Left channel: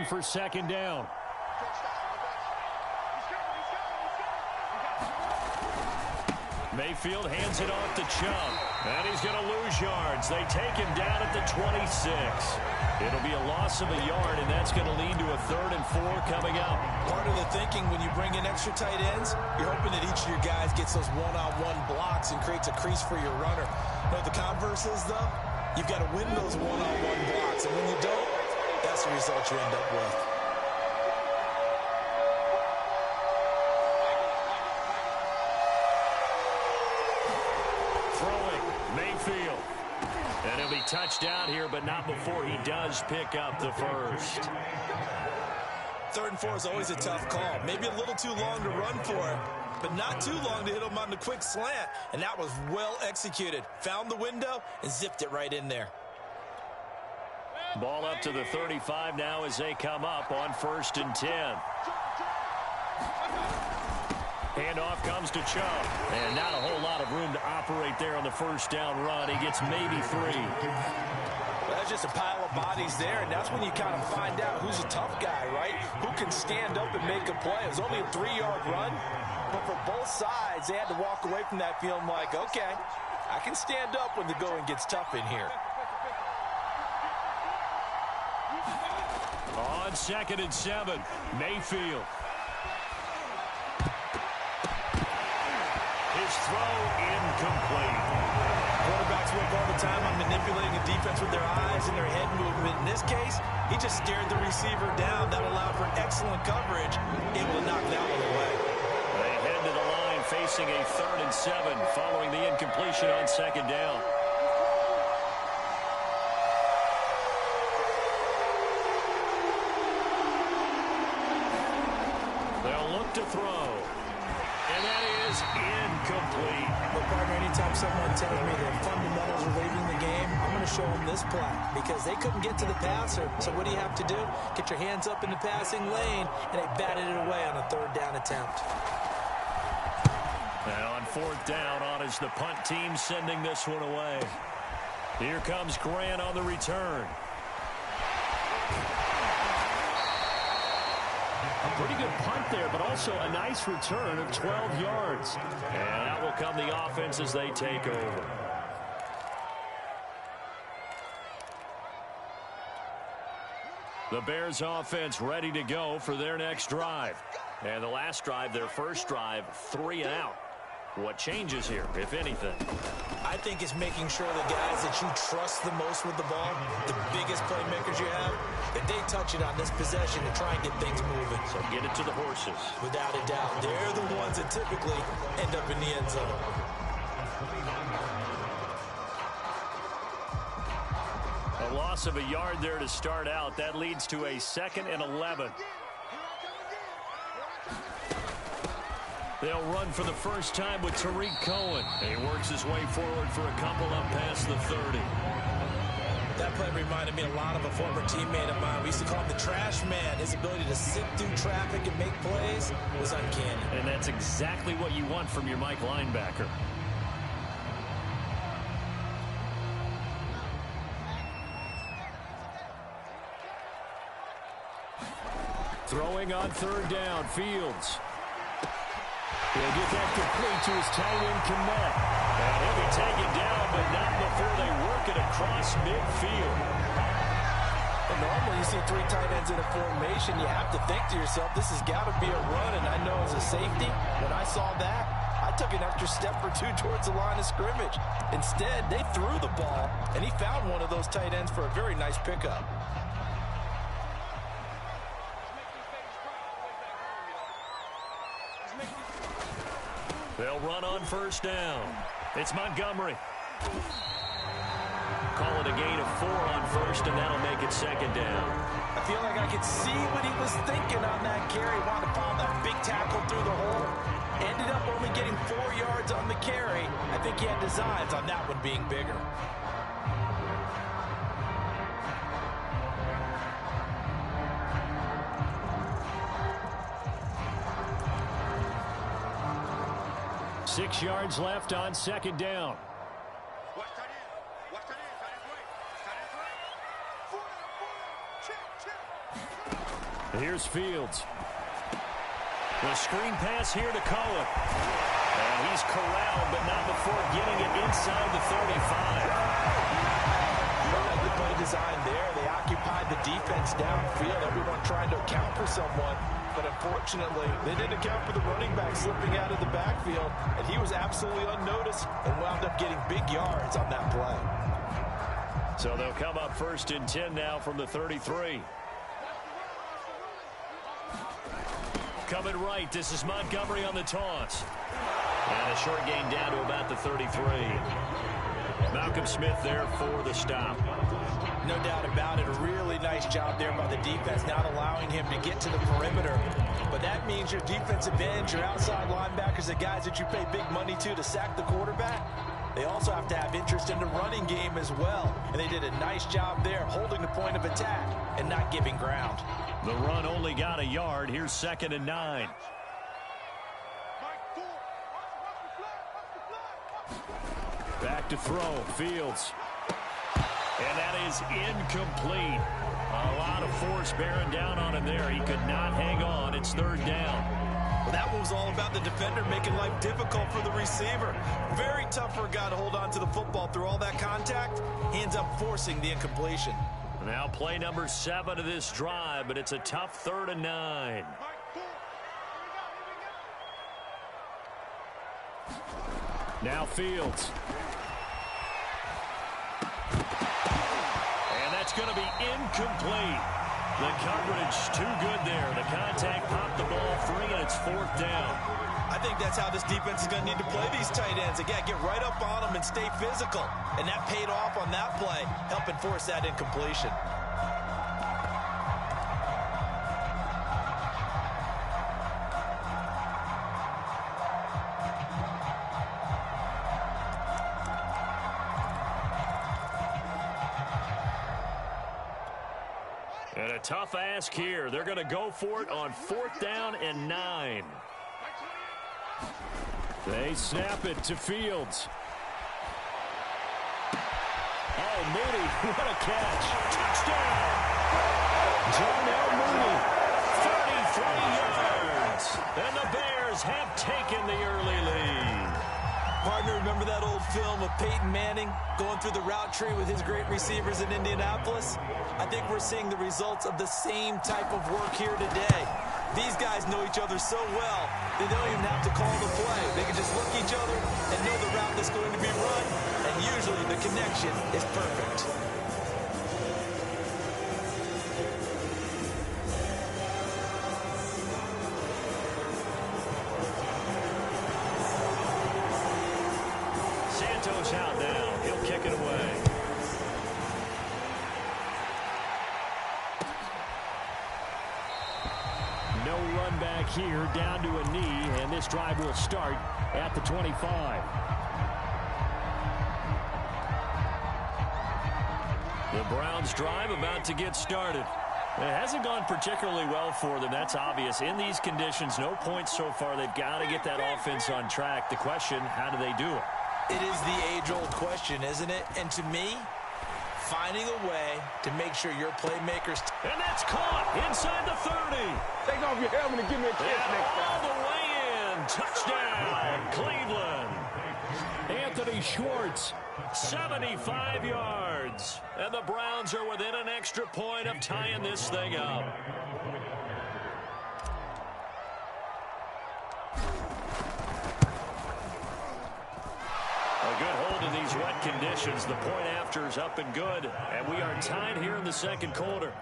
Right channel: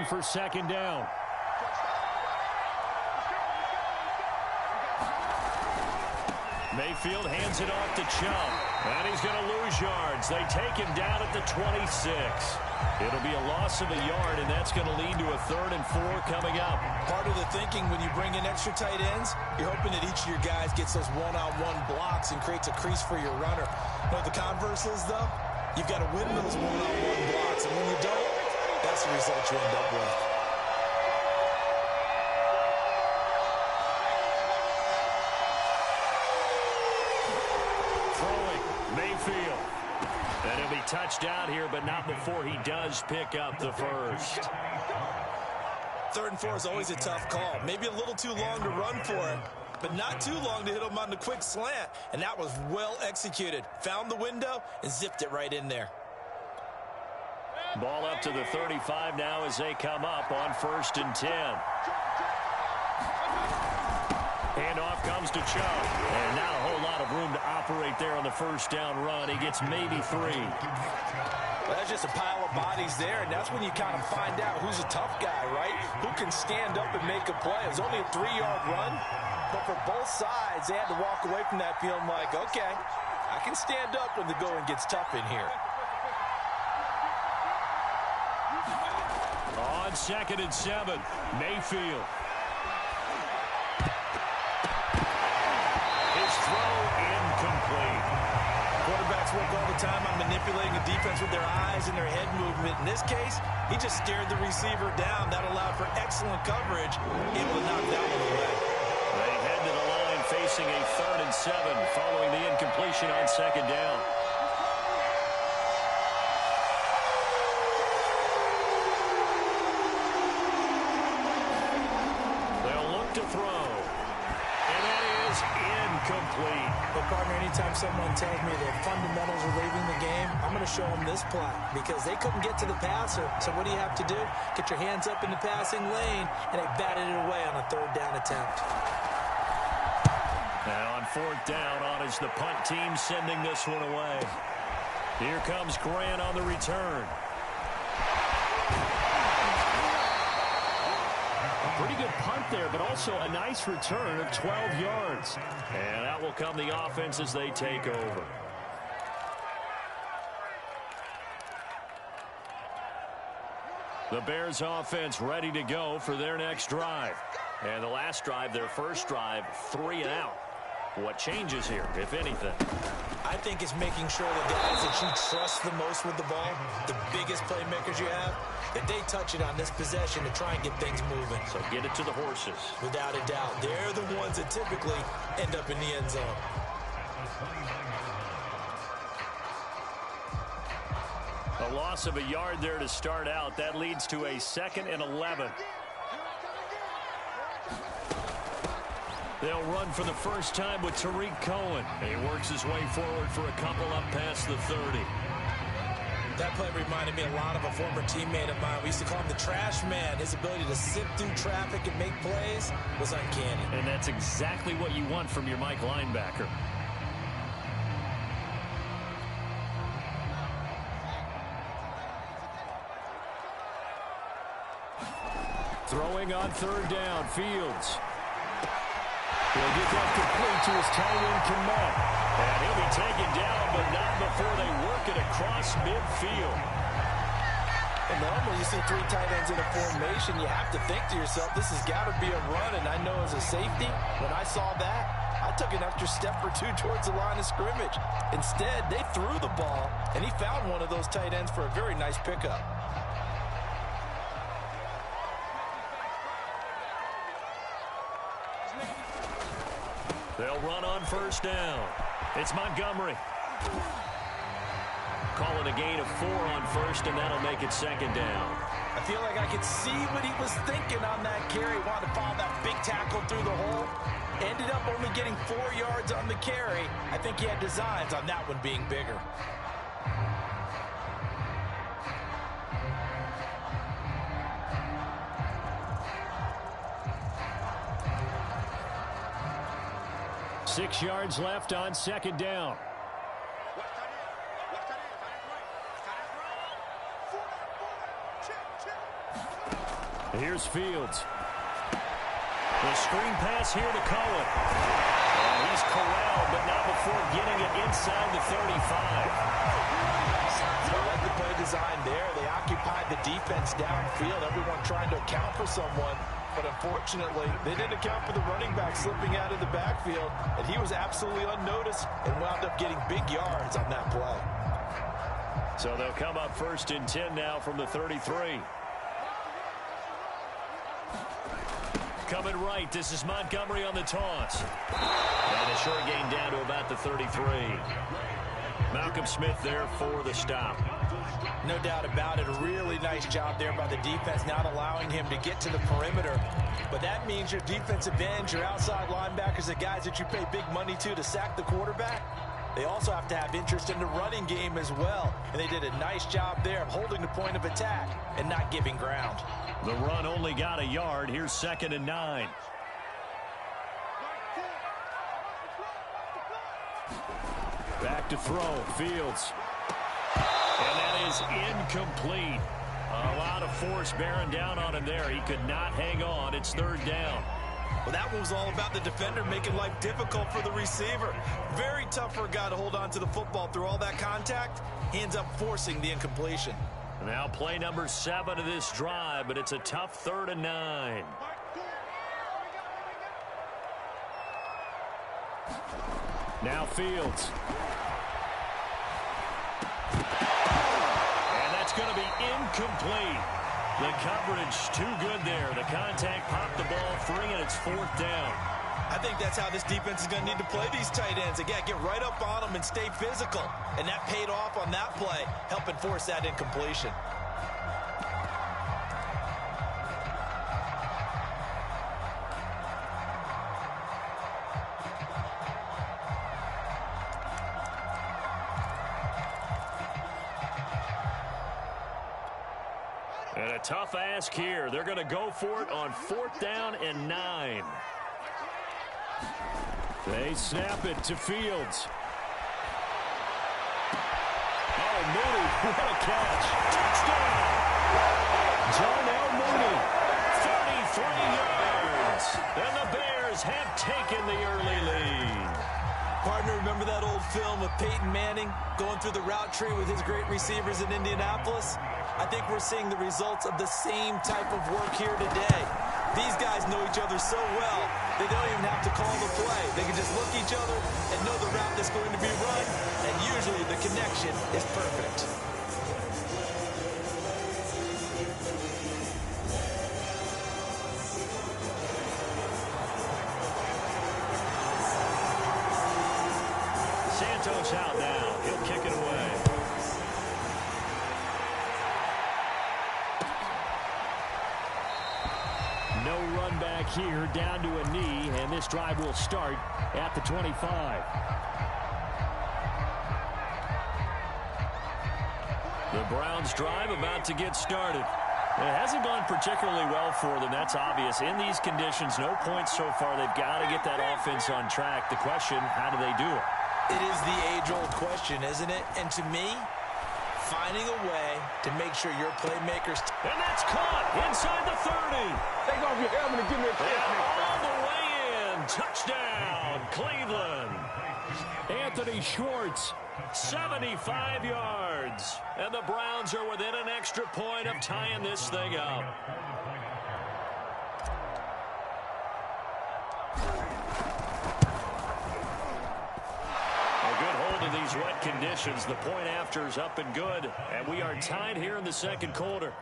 line for second down. Mayfield hands it off to Chubb, and he's going to lose yards. They take him down at the 26. It'll be a loss of a yard, and that's going to lead to a 3rd and 4 coming up. Part of the thinking when you bring in extra tight ends, you're hoping that each of your guys gets those one-on-one blocks and creates a crease for your runner. You know what the converse is, though? You've got to win those one-on-one blocks, and when you don't, that's the result you end up with. Mayfield. And he'll be touched down here, but not before he does pick up the first. 3rd and 4 is always a tough call. Maybe a little too long to run for him, but not too long to hit him on the quick slant. And that was well executed. Found the window and zipped it right in there. Ball up to the 35 now as they come up on 1st and 10. Handoff comes to Chubb. And not a whole lot of room to operate there on the first down run. He gets maybe 3. Well, that's just a pile of bodies there, and that's when you kind of find out who's a tough guy, right? Who can stand up and make a play. It was only a 3-yard run, but for both sides, they had to walk away from that feeling like, okay, I can stand up when the going gets tough in here. On 2nd and 7, Mayfield. His throw incomplete. Quarterbacks work all the time on manipulating a defense with their eyes and their head movement. In this case, he just stared the receiver down. That allowed for excellent coverage, able to knock that one away. They head to the line facing a 3rd and 7 following the incompletion on 2nd down. They'll look to throw. And that is incomplete. But, partner, anytime someone tells me their fundamentals are leaving the game, I'm going to show them this play because they couldn't get to the passer. So what do you have to do? Get your hands up in the passing lane, and they batted it away on a 3rd down attempt. And on 4th down, on is the punt team sending this one away. Here comes Grant on the return. A pretty good punt there, but also a nice return of 12 yards. And out will come the offense as they take over. The Bears offense ready to go for their next drive. And the last drive, their first drive, 3 and out. What changes here, if anything? I think it's making sure the guys that you trust the most with the ball, the biggest playmakers you have, that they touch it on this possession to try and get things moving. So get it to the horses. Without a doubt. They're the ones that typically end up in the end zone. A loss of a yard there to start out. That leads to a 2nd and 11. They'll run for the first time with Tariq Cohen. He works his way forward for a couple up past the 30. That play reminded me a lot of a former teammate of mine. We used to call him the trash man. His ability to sift through traffic and make plays was uncanny. And that's exactly what you want from your Mike linebacker. Throwing on 3rd down, Fields. He'll get that complete to his tight end, Kmet. And he'll be taken down, but not before they work it across midfield. Well, normally you see 3 tight ends in a formation. You have to think to yourself, this has got to be a run. And I know as a safety, when I saw that, I took an extra step or 2 towards the line of scrimmage. Instead, they threw the ball, and he found one of those tight ends for a very nice pickup. They'll run on 1st down. It's Montgomery. Call it a gain of 4 on 1st, and that'll make it 2nd down. I feel like I could see what he was thinking on that carry. Wanted to follow that big tackle through the hole. Ended up only getting 4 yards on the carry. I think he had designs on that one being bigger. Six yards left on 2nd down. Here's Fields. The screen pass here to Cohen. And he's corralled, but not before getting it inside the 35. I like the play design there. They occupied the defense downfield, everyone trying to account for someone. But unfortunately, they didn't account for the running back slipping out of the backfield, and he was absolutely unnoticed and wound up getting big yards on that play. So they'll come up 1st and 10 now from the 33. Coming right, this is Montgomery on the toss. And a short gain down to about the 33. Malcolm Smith there for the stop. No doubt about it. A really nice job there by the defense, not allowing him to get to the perimeter. But that means your defensive ends, your outside linebackers, the guys that you pay big money to sack the quarterback, they also have to have interest in the running game as well. And they did a nice job there of holding the point of attack and not giving ground. The run only got a yard. Here's 2nd and 9. Back to throw. Fields. And that is incomplete. A lot of force bearing down on him there. He could not hang on. It's 3rd down. Well, that one was all about the defender making life difficult for the receiver. Very tough for a guy to hold on to the football through all that contact. He ends up forcing the incompletion. Now play number 7 of this drive, but it's a tough 3rd and 9. Now Fields. And that's going to be incomplete. The coverage too good there. The contact popped the ball free, and it's 4th down. I think that's how this defense is going to need to play these tight ends. Again, get right up on them and stay physical. And that paid off on that play, helping force that incompletion. And a tough ask here. They're going to go for it on 4th down and 9. They snap it to Fields. Oh, Mooney, what a catch. Touchdown. Darnell Mooney, 33 yards. And the Bears have taken the early lead. Partner, remember that old film of Peyton Manning going through the route tree with his great receivers in Indianapolis? I think we're seeing the results of the same type of work here today. These guys know each other so well, they don't even have to call the play. They can just look each other and know the route that's going to be run, and usually the connection is perfect. Santos out now. He'll kick it away. No run back here, down to a knee, and this drive will start at the 25. The Browns drive about to get started. It hasn't gone particularly well for them, that's obvious. In these conditions, no points so far. They've got to get that offense on track. The question, how do they do it? It is the age-old question, isn't it? And to me, finding a way to make sure your playmakers... And that's caught inside the 30. Take off your helmet and give me a kiss next all time. the way in. Touchdown, Cleveland. Anthony Schwartz, 75 yards. And the Browns are within an extra point of tying this thing up. A good hold in these wet conditions. The point after is up and good. And we are tied here in the second quarter.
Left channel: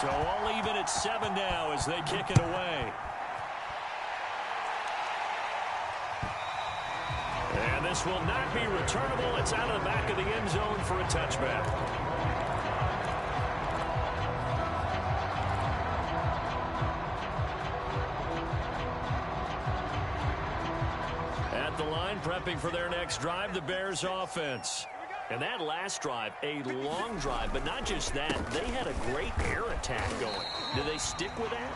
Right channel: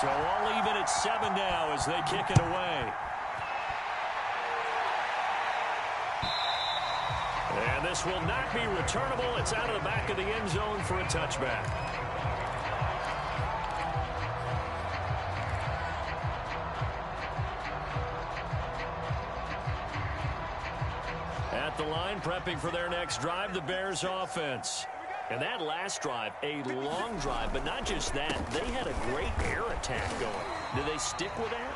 So all even at 7 now as they kick it away. And this will not be returnable. It's out of the back of the end zone for a touchback. At the line, prepping for their next drive, the Bears offense. And that last drive, a long drive, but not just that. They had a great air attack going. Do they stick with that?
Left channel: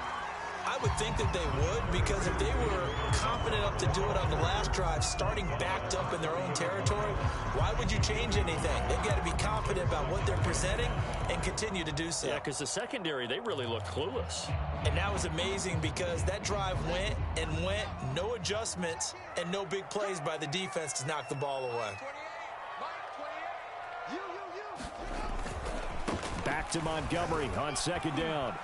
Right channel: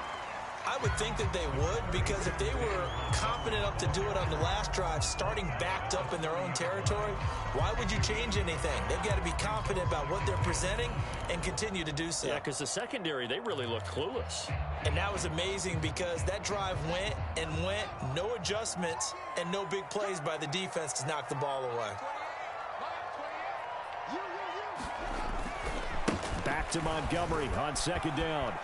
I would think that they would, because if they were confident enough to do it on the last drive, starting backed up in their own territory, why would you change anything? They've got to be confident about what they're presenting and continue to do so. Yeah, because the secondary, they really look clueless. And that was amazing because that drive went and went, no adjustments and no big plays by the defense to knock the ball away. Back to Montgomery on second down.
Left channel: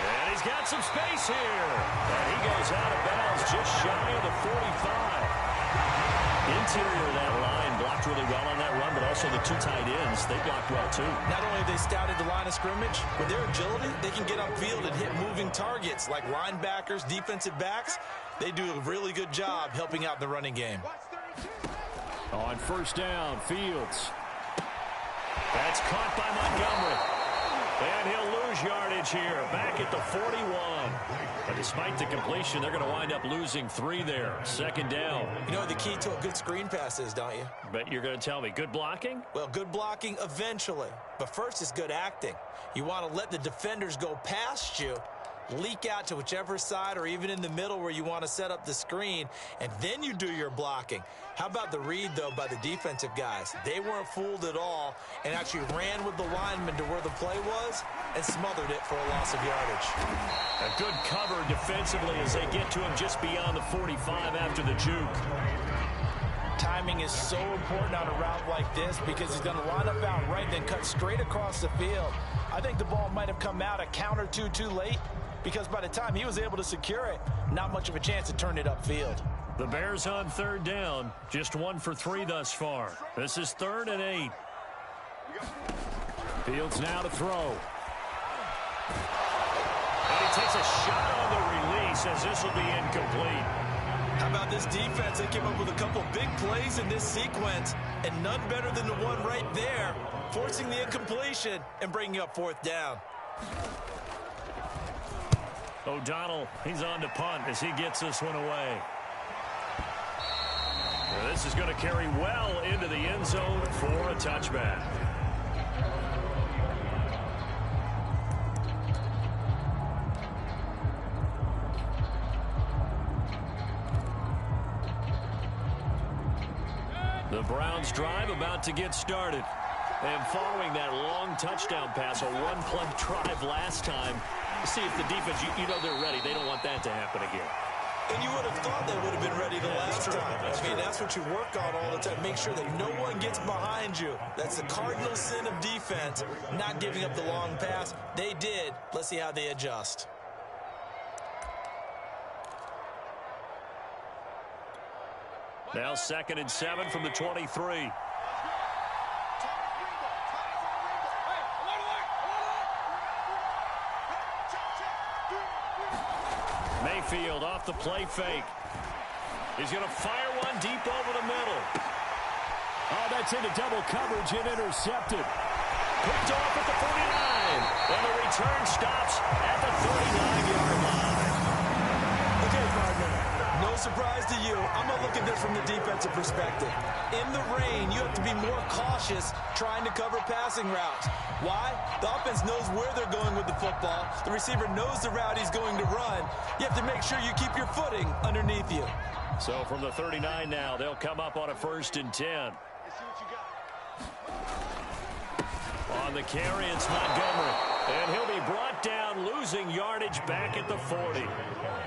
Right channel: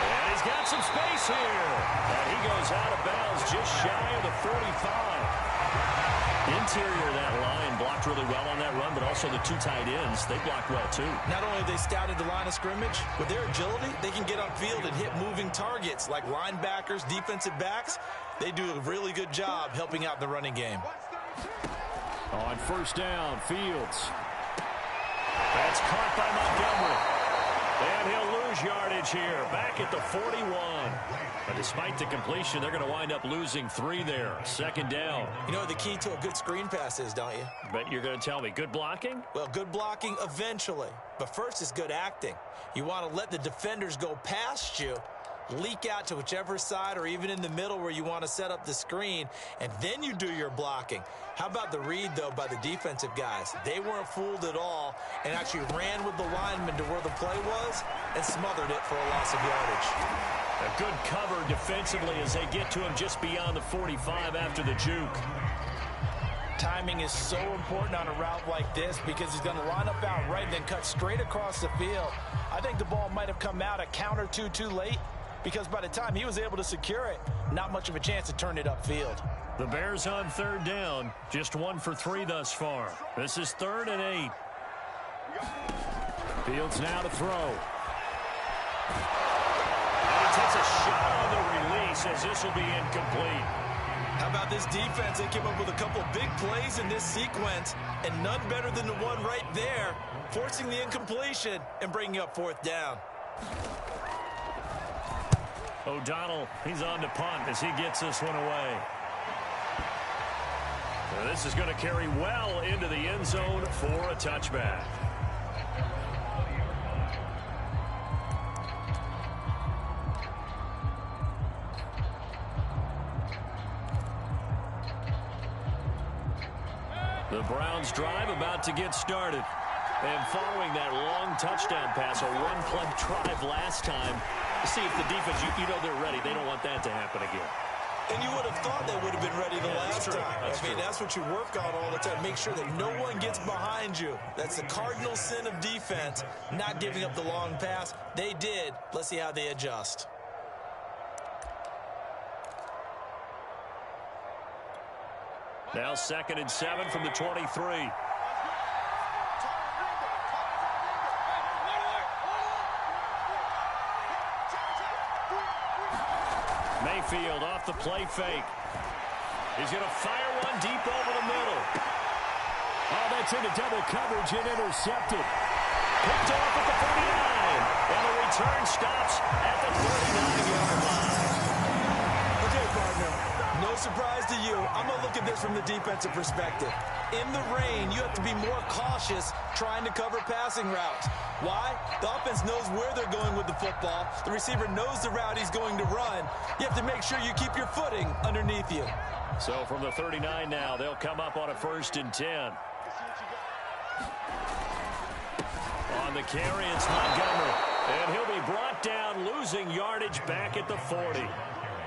And he's got some space here. And he goes out of bounds just shy of the 45. Interior of that line blocked really well on that run, but also the two tight ends, they blocked well too. Not only have they scouted the line of scrimmage, with their agility, they can get upfield and hit moving targets like linebackers, defensive backs. They do a really good job helping out the running game. On first down, Fields. That's caught by Montgomery. And he'll lose yardage here, back at the 41. But despite the completion, they're going to wind up losing 3 there. Second down. You know what the key to a good screen pass is, don't you? But you're going to tell me, good blocking? Well, good blocking eventually. But first is good acting. You want to let the defenders go past you, leak out to whichever side or even in the middle where you want to set up the screen, and then you do your blocking. How about the read, though, by the defensive guys? They weren't fooled at all and actually ran with the lineman to where the play was and smothered it for a loss of yardage. A good cover defensively as they get to him just beyond the 45 after the juke. Timing is so important on a route like this because he's going to line up out right and then cut straight across the field. I think the ball might have come out a count or two too late, because by the time he was able to secure it, not much of a chance to turn it upfield. The Bears on third down, just 1 for 3 thus far. This is 3rd and 8. Fields now to throw. And he takes a shot on the release as this will be incomplete. How about this defense? They came up with a couple of big plays in this sequence, and none better than the one right there, forcing the incompletion and bringing up 4th down. O'Donnell, he's on to punt as he gets this one away. Now this is going to carry well into the end zone for a touchback. The Browns drive about to get started. And following that long touchdown pass, a one-play drive last time, see if the defense, you know they're ready. They don't want that to happen again. And you would have thought they would have been ready the last time. That's what you work on all the time. Make sure that no one gets behind you. That's the cardinal sin of defense, not giving up the long pass. They did. Let's see how they adjust. Now 2nd and 7 from the 23. Mayfield off the play fake. He's going to fire one deep over the middle. Oh, that's into double coverage and intercepted. Picked off at the 49. And the return stops at the 39-yard line. Okay, partner, no surprise to you. I'm going to look at this from the defensive perspective. In the rain, you have to be more cautious trying to cover passing routes. Why? The offense knows where they're going with the football. The receiver knows the route he's going to run. You have to make sure you keep your footing underneath you. So from the 39 now, they'll come up on a 1st and 10. On the carry, it's Montgomery. And he'll be brought down, losing yardage back at the 40.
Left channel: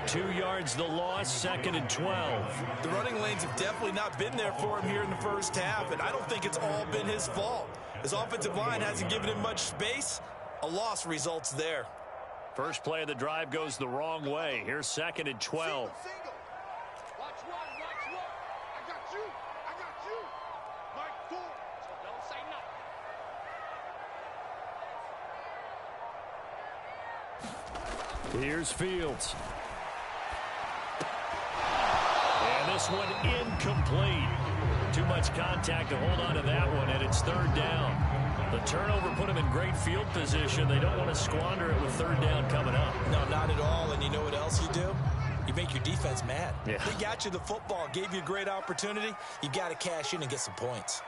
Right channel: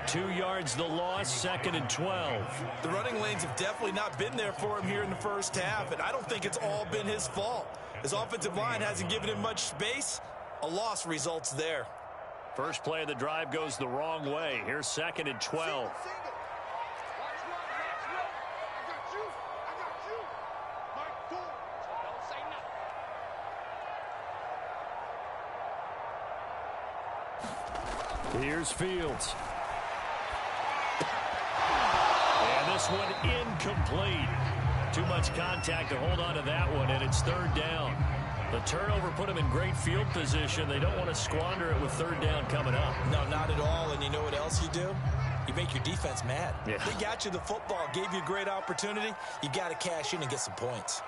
2 yards the loss, 2nd and 12. The running lanes have definitely not been there for him here in the first half, and I don't think it's all been his fault. His offensive line hasn't given him much space. A loss results there. First play of the drive goes the wrong way. Here's 2nd and 12. Here's Fields. And this one incomplete. Too much contact to hold on to that one, and it's 3rd down. The turnover put them in great field position. They don't want to squander it with 3rd down coming up. No, not at all. And you know what else you do? You make your defense mad. Yeah. They got you the football, gave you a great opportunity. You got to cash in and get some points.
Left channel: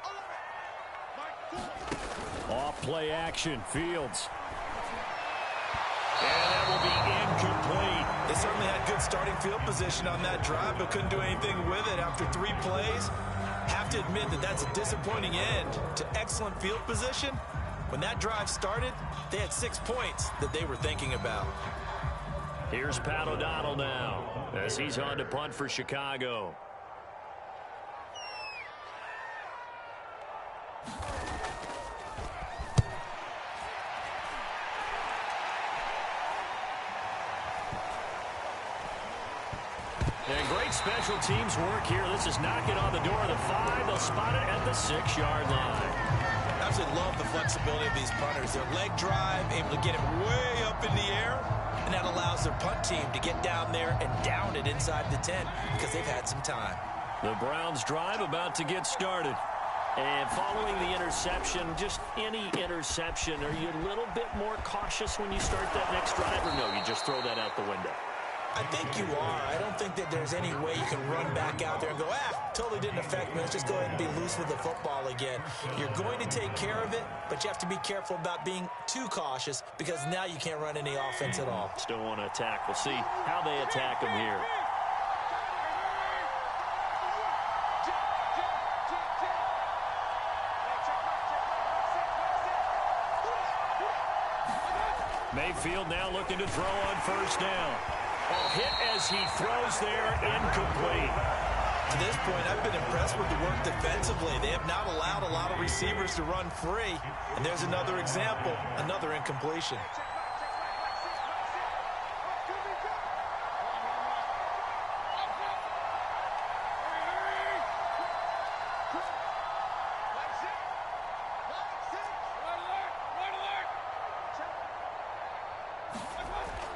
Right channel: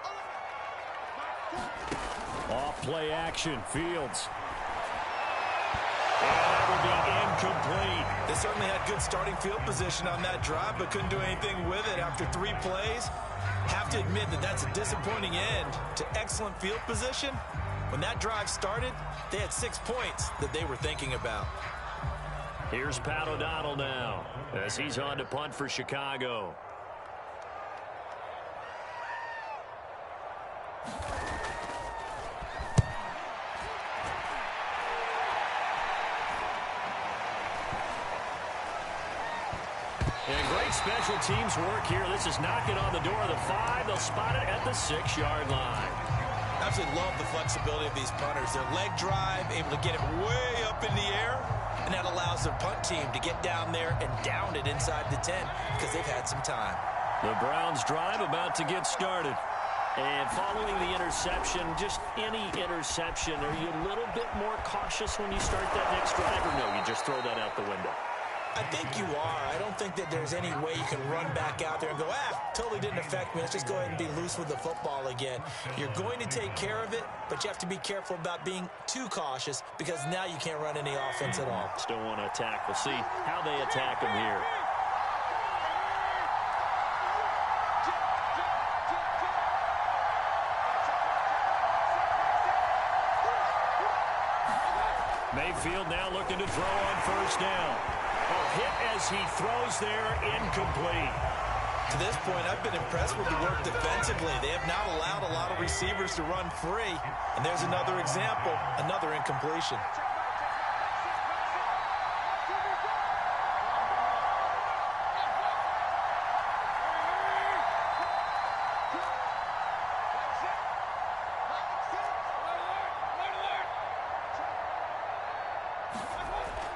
Off play action, Fields. And that will be incomplete. They certainly had good starting field position on that drive, but couldn't do anything with it after 3 plays. Have to admit that that's a disappointing end to excellent field position. When that drive started, they had 6 points that they were thinking about. Here's Pat O'Donnell now as he's on to punt for Chicago. And great special teams work here. This is knocking on the door of the 5. They'll spot it at the 6-yard line. I absolutely love the flexibility of these punters. Their leg drive, able to get it way up in the air, and that allows their punt team to get down there and down it inside the 10 because they've had some time. The Browns drive about to get started. And following the interception, just any interception, are you a little bit more cautious when you start that next drive, or no, you just throw that out the window? I think you are. I don't think that there's any way you can run back out there and go, totally didn't affect me. Let's just go ahead and be loose with the football again. You're going to take care of it, but you have to be careful about being too cautious because now you can't run any offense at all. Still want to attack. We'll see how they attack them here. Mayfield now looking to throw on first down. Oh, hit as he throws there, incomplete. To this point, I've been impressed with the work defensively. They have not allowed a lot of receivers to run free. And there's another example, another incompletion.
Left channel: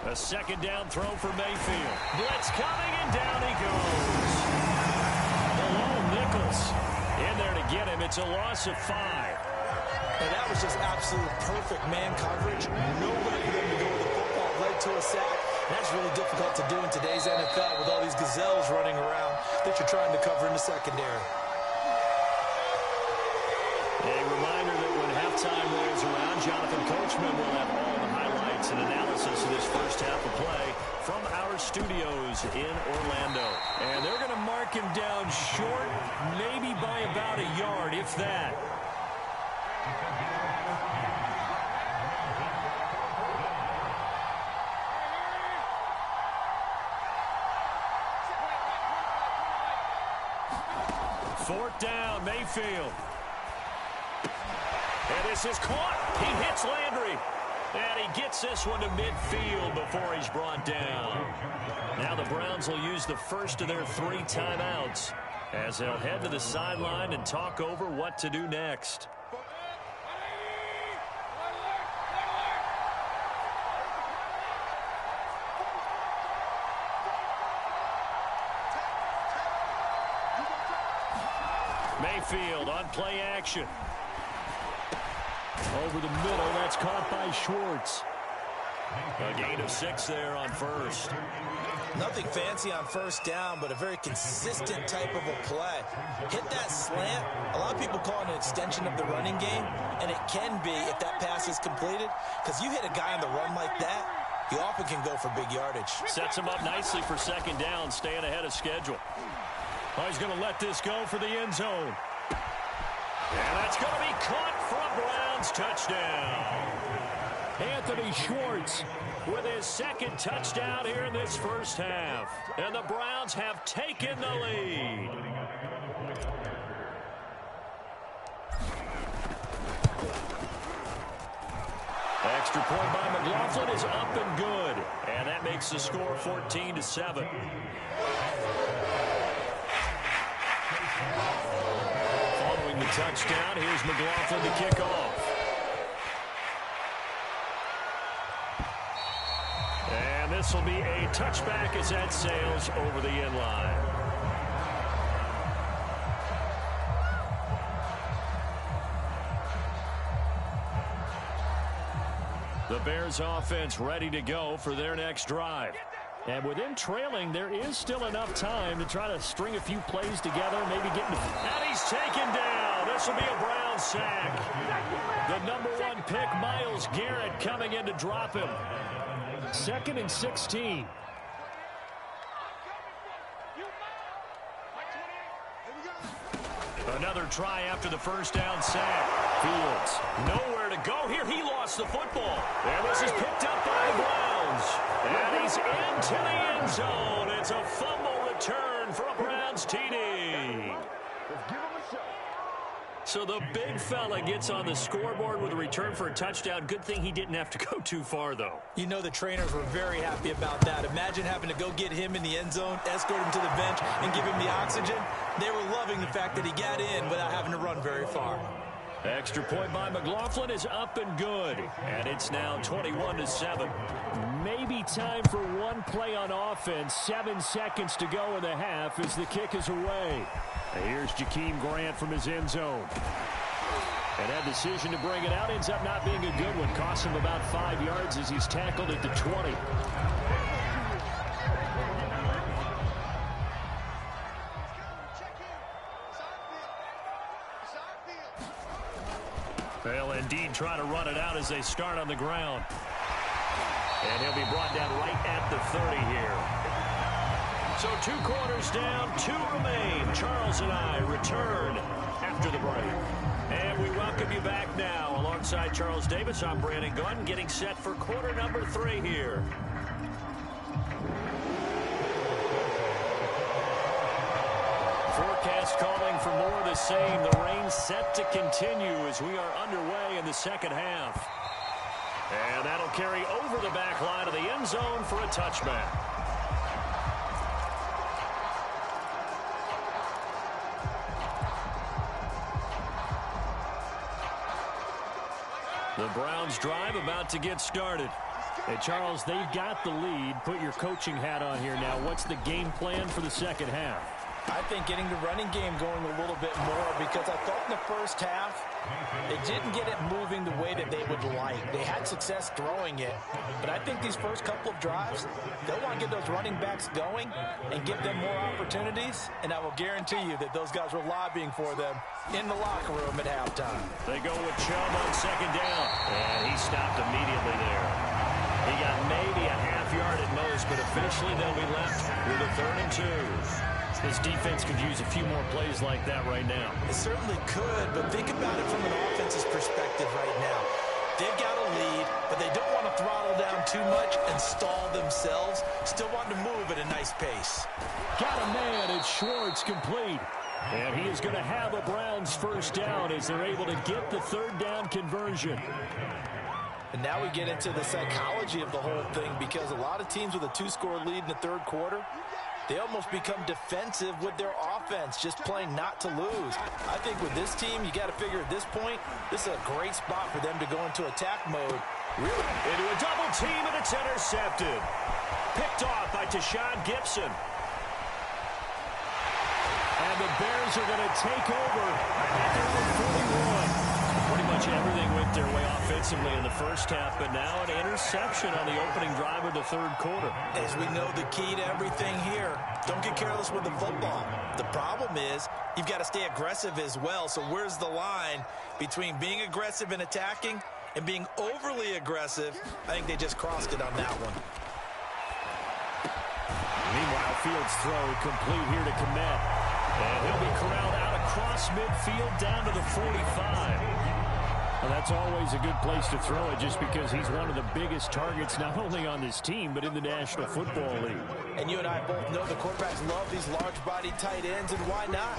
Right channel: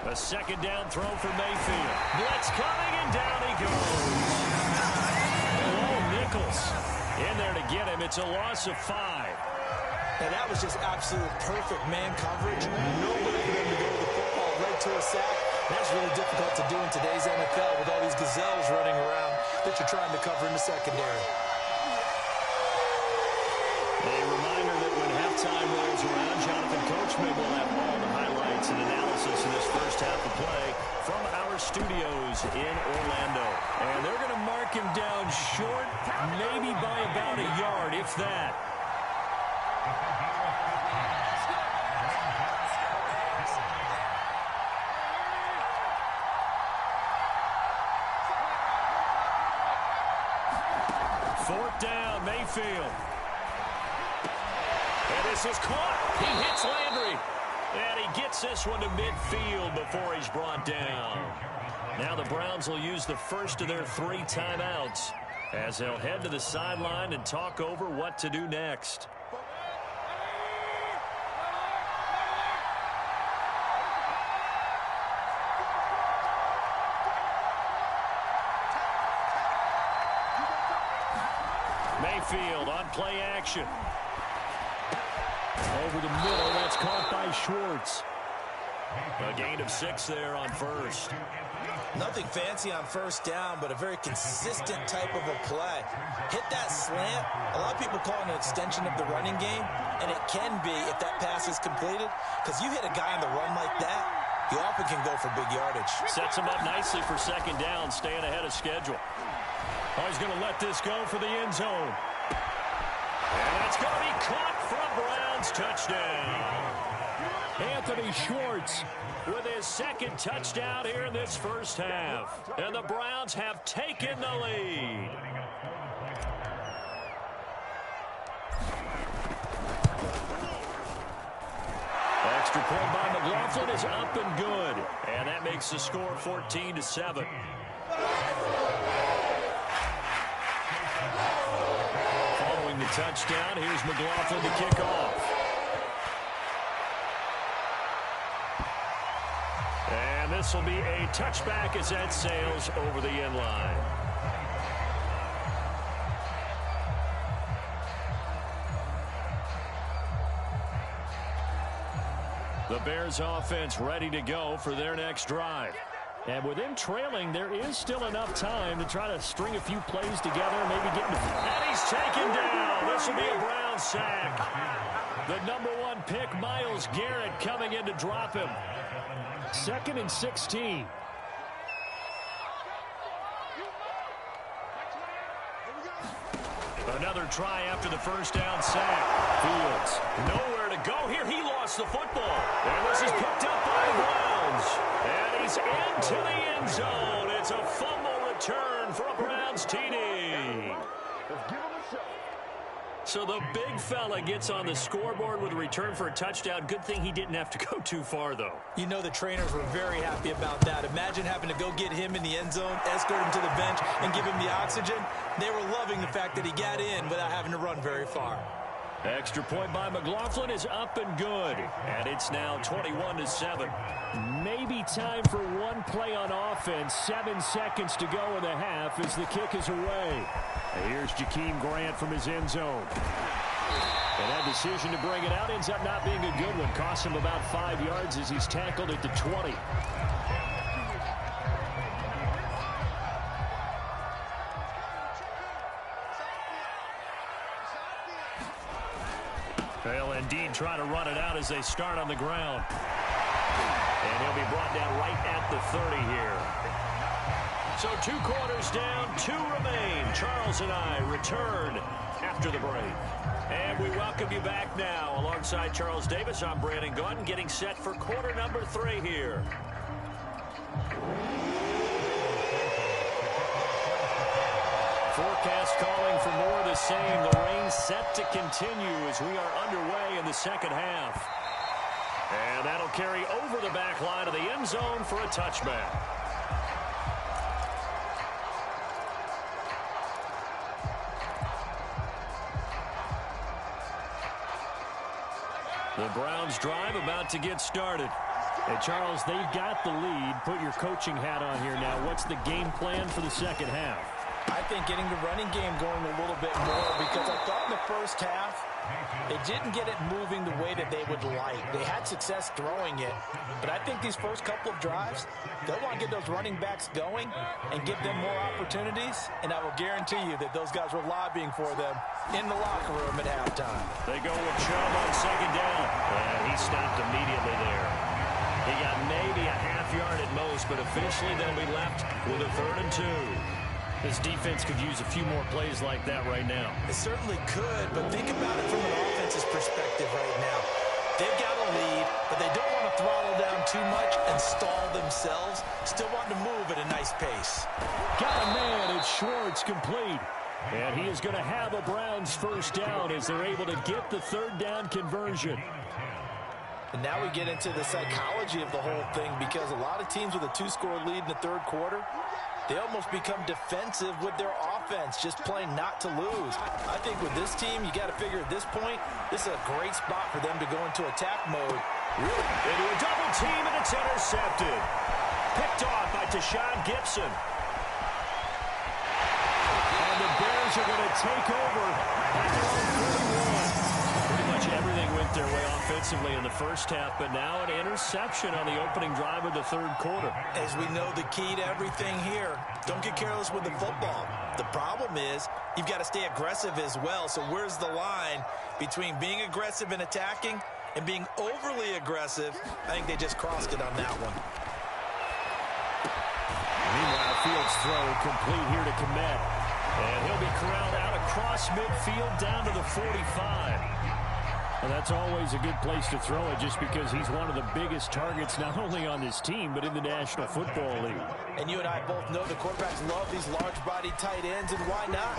A second down throw for Mayfield. Blitz coming, and down he goes. Below Nichols. In there to get him. It's a loss of 5. And that was just absolute perfect man coverage. Nowhere for them to go with the football. Led to a sack. And that's really difficult to do in today's NFL with all these gazelles running around that you're trying to cover in the secondary. A reminder that when halftime rolls around, Jonathan Coachman will have all the highlights and analysis of this first half of play from our studios in Orlando. And they're going to mark him down short, maybe by about a yard, if that. Fourth down, Mayfield. And this is caught. He hits Landry. And he gets this one to midfield before he's brought down. Now the Browns will use the first of their 3 timeouts as they'll head to the sideline and talk over what to do next. Mayfield on play action. Over the middle, that's caught by Schwartz. A gain of 6 there on first. Nothing fancy on first down, but a very consistent type of a play. Hit that slant. A lot of people call it an extension of the running game, and it can be if that pass is completed, because you hit a guy on the run like that, you often can go for big yardage. Sets him up nicely for second down, staying ahead of schedule. Oh, he's going to let this go for the end zone. And that's going to be caught for a Browns touchdown. Anthony Schwartz with his second touchdown here in this first half. And the Browns have taken the lead. Extra point by McLaughlin is up and good. And that makes the score 14-7. Following the touchdown, here's McLaughlin to kick off. And this will be a touchback as that sails over the end line. The Bears offense ready to go for their next drive. And with them trailing, there is still enough time to try to string a few plays together, maybe get into... And he's taken down. This will be a Brown sack. The number 1 pick, Myles Garrett, coming in to drop him. 2nd and 16. Another try after the first down sack. Fields nowhere to go here. He lost the football. And this is picked up by the Browns. And he's into the end zone. It's a fumble return for a Browns TD. Let's give him a show. So the big fella gets on the scoreboard with a return for a touchdown. Good thing he didn't have to go too far, though. You know the trainers were very happy about that. Imagine having to go get him in the end zone, escort him to the bench, and give him the oxygen. They were loving the fact that he got in without having to run very far. Extra point by McLaughlin is up and good. And it's now 21-7. Maybe time for one play on offense. 7 seconds to go in the half as the kick is away. Here's Jakeem Grant from his end zone. And that decision to bring it out ends up not being a good one. Costs him about 5 yards as he's tackled at the 20. They'll indeed try to run it out as they start on the ground. And he'll be brought down right at the 30 here. So 2 quarters down, 2 remain. Charles and I return after the break. And we welcome you back now. Alongside Charles Davis, I'm Brandon Gunn, getting set for quarter number 3 here. Forecast calling for more of the same. The rain set to continue as we are underway in the second half. And that'll carry over the back line of the end zone for a touchback. The Browns drive about to get started. Hey, Charles, they've got the lead. Put your coaching hat on here now. What's the game plan for the second half? I think getting the running game going a little bit more, because I thought in the first half they didn't get it moving the way that they would like. They had success throwing it, but I think these first couple of drives, they'll want to get those running backs going and give them more opportunities, and I will guarantee you that those guys were lobbying for them in the locker room at halftime. They go with Chubb on second down, and he stopped immediately there. He got maybe a half yard at most, but officially they'll be left with a 3rd and 2. This defense could use a few more plays like that right now. It certainly could, but think about it from an offense's perspective right now. They've got a lead, but they don't want to throttle down too much and stall themselves. Still want to move at a nice pace. Got a man, it's Schwartz, complete. And he is going to have a Browns first down as they're able to get the 3rd down conversion. And now we get into the psychology of the whole thing, because a lot of teams with a 2-score lead in the 3rd quarter, they almost become defensive with their offense, just playing not to lose. I think with this team, you got to figure at this point, this is a great spot for them to go into attack mode. Really? Into a double team, and it's intercepted. Picked off by Tashawn Gibson. And the Bears are going to take over at their own 41. Pretty much everything went their way offensively in the first half, but now an interception on the opening drive of the 3rd quarter. As we know, the key to everything here, don't get careless with the football. The problem is you've got to stay aggressive as well. So where's the line between being aggressive and attacking and being overly aggressive? I think they just crossed it on that one. Meanwhile, Fields' throw complete here to Kmet. And he'll be corralled out across midfield down to the 45. Well, that's always a good place to throw it, just because he's one of the biggest targets not only on this team but in the National Football League. And you and I both know the quarterbacks love these large-bodied tight ends, and why not?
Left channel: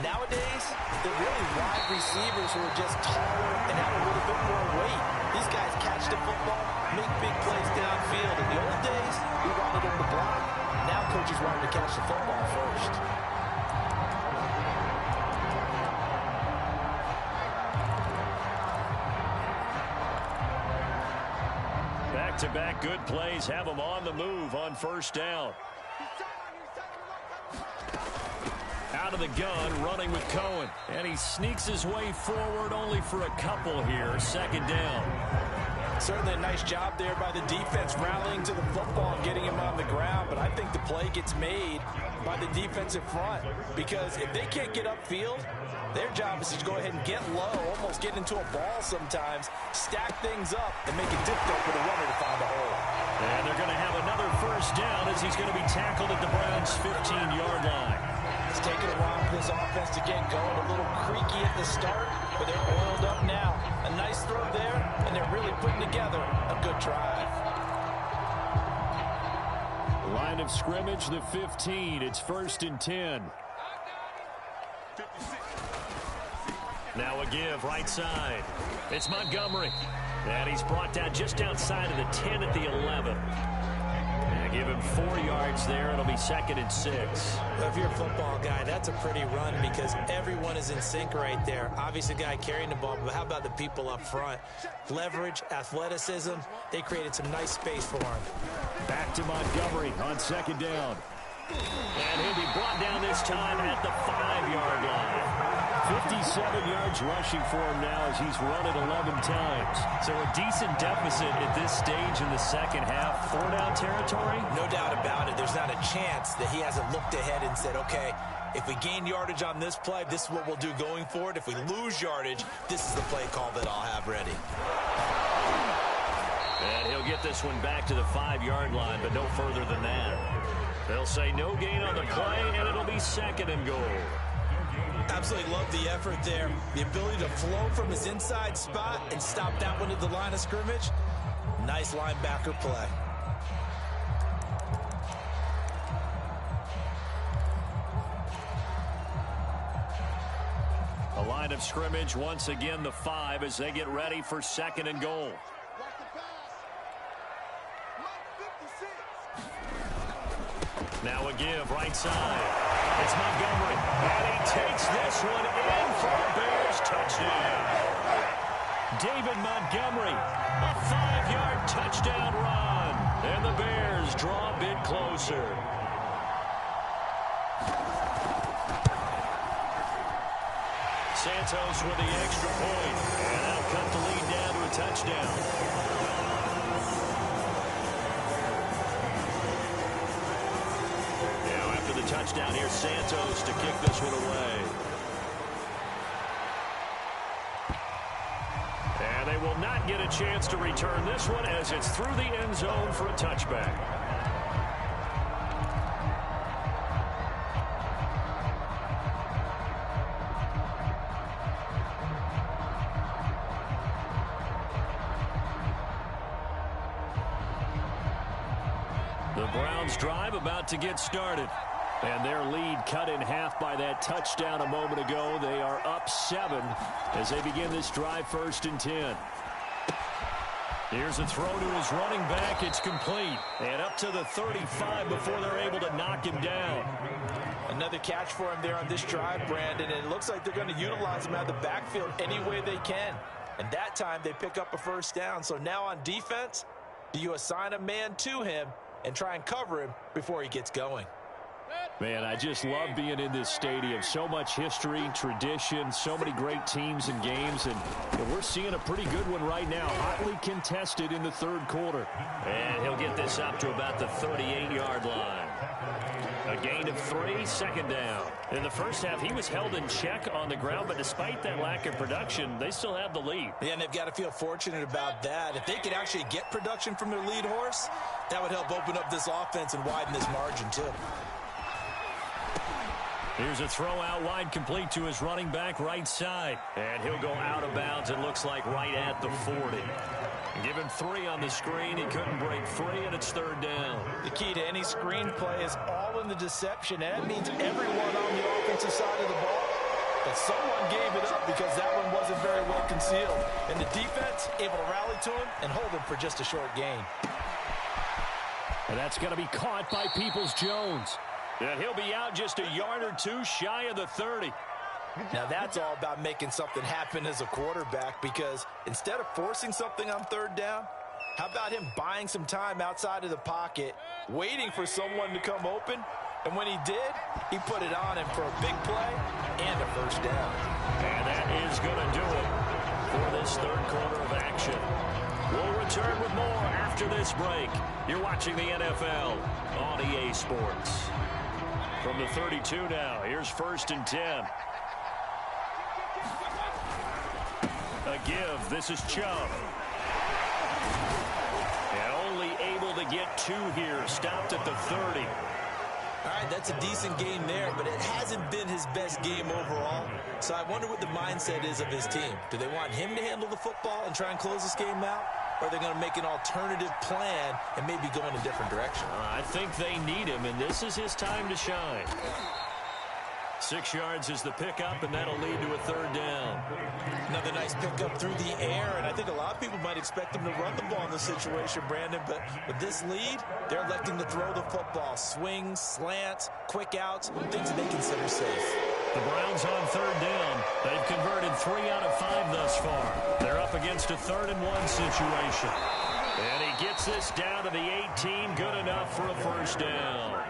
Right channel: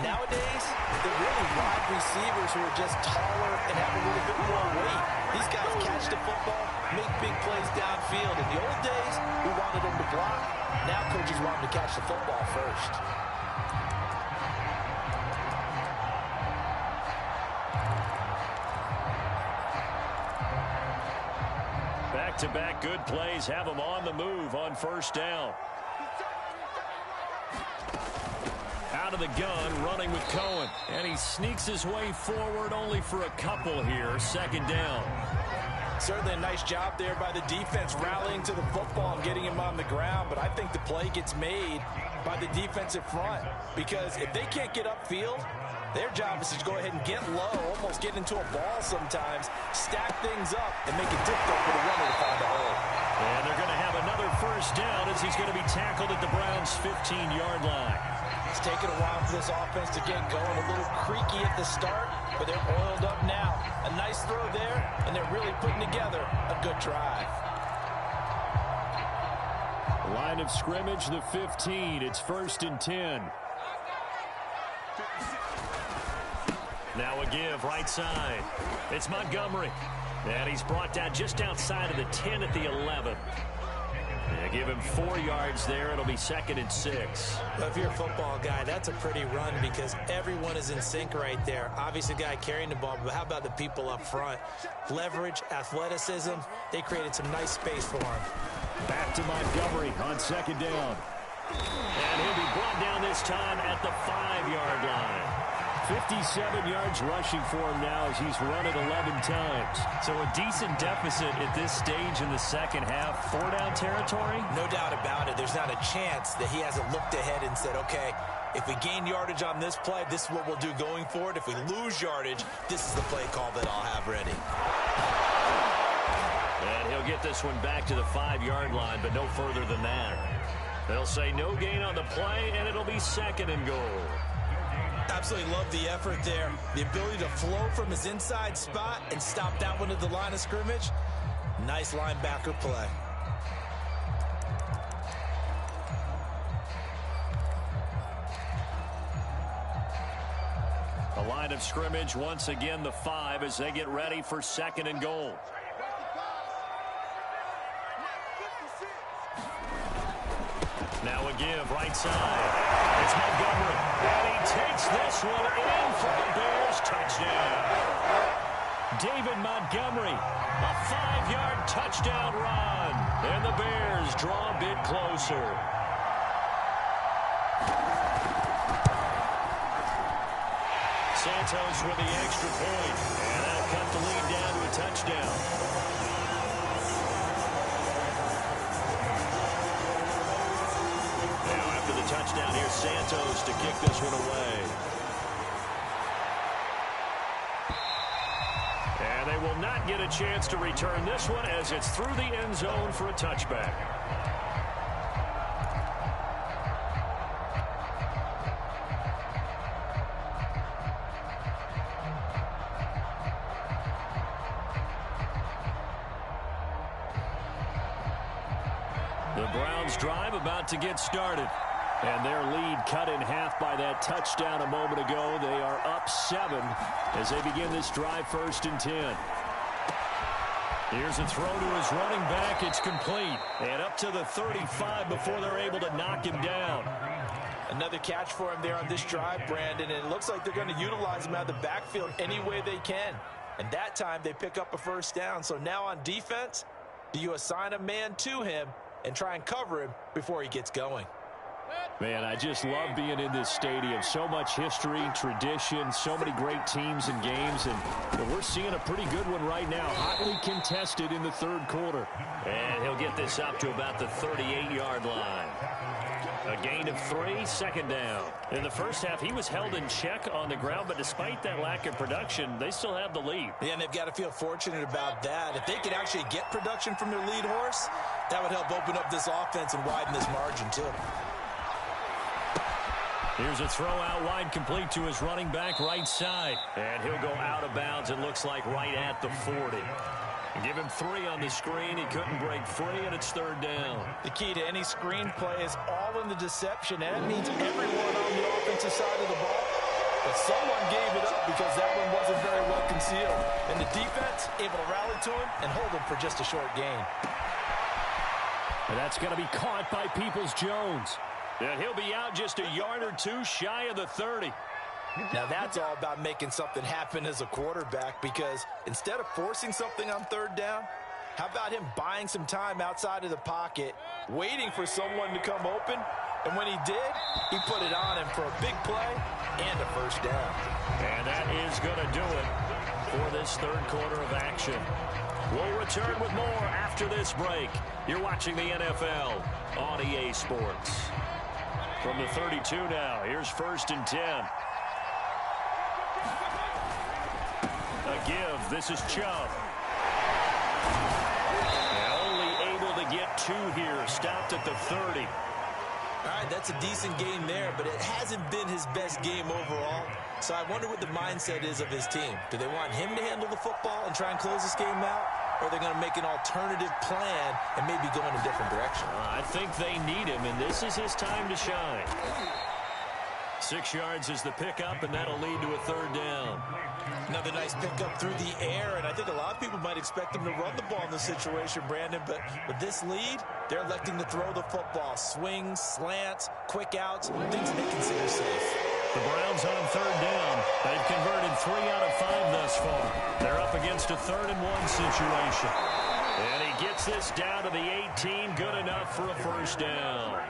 Nowadays, they're really wide receivers who are just taller and have a little bit more weight. These guys catch the football, make big plays downfield. In the old days, we wanted them to block. Now coaches want them to catch the football first. Back-to-back good plays have them on the move on first down. Out of the gun, running with Cohen. And he sneaks his way forward only for a couple here. 2nd down. Certainly a nice job there by the defense, rallying to the football and getting him on the ground. But I think the play gets made by the defensive front, because if they can't get upfield, their job is to go ahead and get low, almost get into a ball sometimes, stack things up, and make it difficult for the runner to find a hole. And they're going to have another first down as he's going to be tackled at the Browns' 15-yard line. It's taken a while for this offense to get going. A little creaky at the start, but they're oiled up now. A nice throw there, and they're really putting together a good drive. Line of scrimmage, the 15. It's 1st and 10. Now a give right side. It's Montgomery. And he's brought down just outside of the 10 at the 11. And give him 4 yards there. It'll be 2nd and 6. Well, if you're a football guy, that's a pretty run because everyone is in sync right there. Obviously, the guy carrying the ball, but how about the people up front? Leverage, athleticism, they created some nice space for him. Back to Montgomery on 2nd down. And he'll be brought down this time at the 5-yard line. 57 yards rushing for him now as he's run it 11 times. So a decent deficit at this stage in the second half. 4-down territory? No doubt about it. There's not a chance that he hasn't looked ahead and said, okay, if we gain yardage on this play, this is what we'll do going forward. If we lose yardage, this is the play call that I'll have ready. And he'll get this one back to the 5-yard line, but no further than that. They'll say no gain on the play, and it'll be 2nd and goal. Absolutely love the effort there. The ability to flow from his inside spot and stop that one at the line of scrimmage. Nice linebacker play. A line of scrimmage, once again the 5 as they get ready for 2nd and goal. Now a give right side. It's Montgomery, and he takes this one in for a Bears touchdown. David Montgomery, a 5-yard touchdown run, and the Bears draw a bit closer. Santos with the extra point, and that'll cut the lead down to a touchdown. The touchdown here, Santos to kick this one away. And they will not get a chance to return this one as it's through the end zone for a touchback. The Browns drive about to get started. And their lead cut in half by that touchdown a moment ago. They are up 7 as they begin this drive 1st and 10. Here's a throw to his running back. It's complete. And up to the 35 before they're able to knock him down. Another catch for him there on this drive, Brandon. And it looks like they're going to utilize him out of the backfield any way they can. And that time they pick up a first down. So now on defense, do you assign a man to him and try and cover him before he gets going? Man, I just love being in this stadium. So much history, tradition, so many great teams and games. And we're seeing a pretty good one right now. Hotly contested in the 3rd quarter. And he'll get this up to about the 38-yard line. A gain of 3, 2nd down. In the first half, he was held in check on the ground, but despite that lack of production, they still have the lead. Yeah, and they've got to feel fortunate about that. If they could actually get production from their lead horse, that would help open up this offense and widen this margin, too. Here's a throw out wide, complete to his running back right side. And he'll go out of bounds, it looks like, right at the 40. Give him 3 on the screen. He couldn't break free, and it's 3rd down. The key to any screen play is all in the deception, and that means everyone on the offensive side of the ball. But someone gave it up because that one wasn't very well concealed. And the defense able to rally to him and hold him for just a short gain. And that's going to be caught by Peoples-Jones. And he'll be out just a yard or 2 shy of the 30. Now that's all about making something happen as a quarterback, because instead of forcing something on 3rd down, how about him buying some time outside of the pocket, waiting for someone to come open, and when he did, he put it on him for a big play and a first down. And that is going to do it for this 3rd quarter of action. We'll return with more after this break. You're watching the NFL on EA Sports. From the 32 now, here's 1st and 10. A give. This is Chubb. And only able to get 2 here. Stopped at the 30. All right, that's a decent game there, but it hasn't been his best game overall. So I wonder what the mindset is of his team. Do they want him to handle the football and try and close this game out? Or are they going to make an alternative plan and maybe go in a different direction? I think they need him, and this is his time to shine. 6 yards is the pickup, and that'll lead to a 3rd down. Another nice pickup through the air, and I think a lot of people might expect them to run the ball in this situation, Brandon, but with this lead, they're electing to throw the football. Swings, slants, quick outs, things they consider safe. The Browns on 3rd down. They've converted 3 out of 5 thus far. They're up against a 3rd and 1 situation. And he gets this down to the 18, good enough for a 1st down.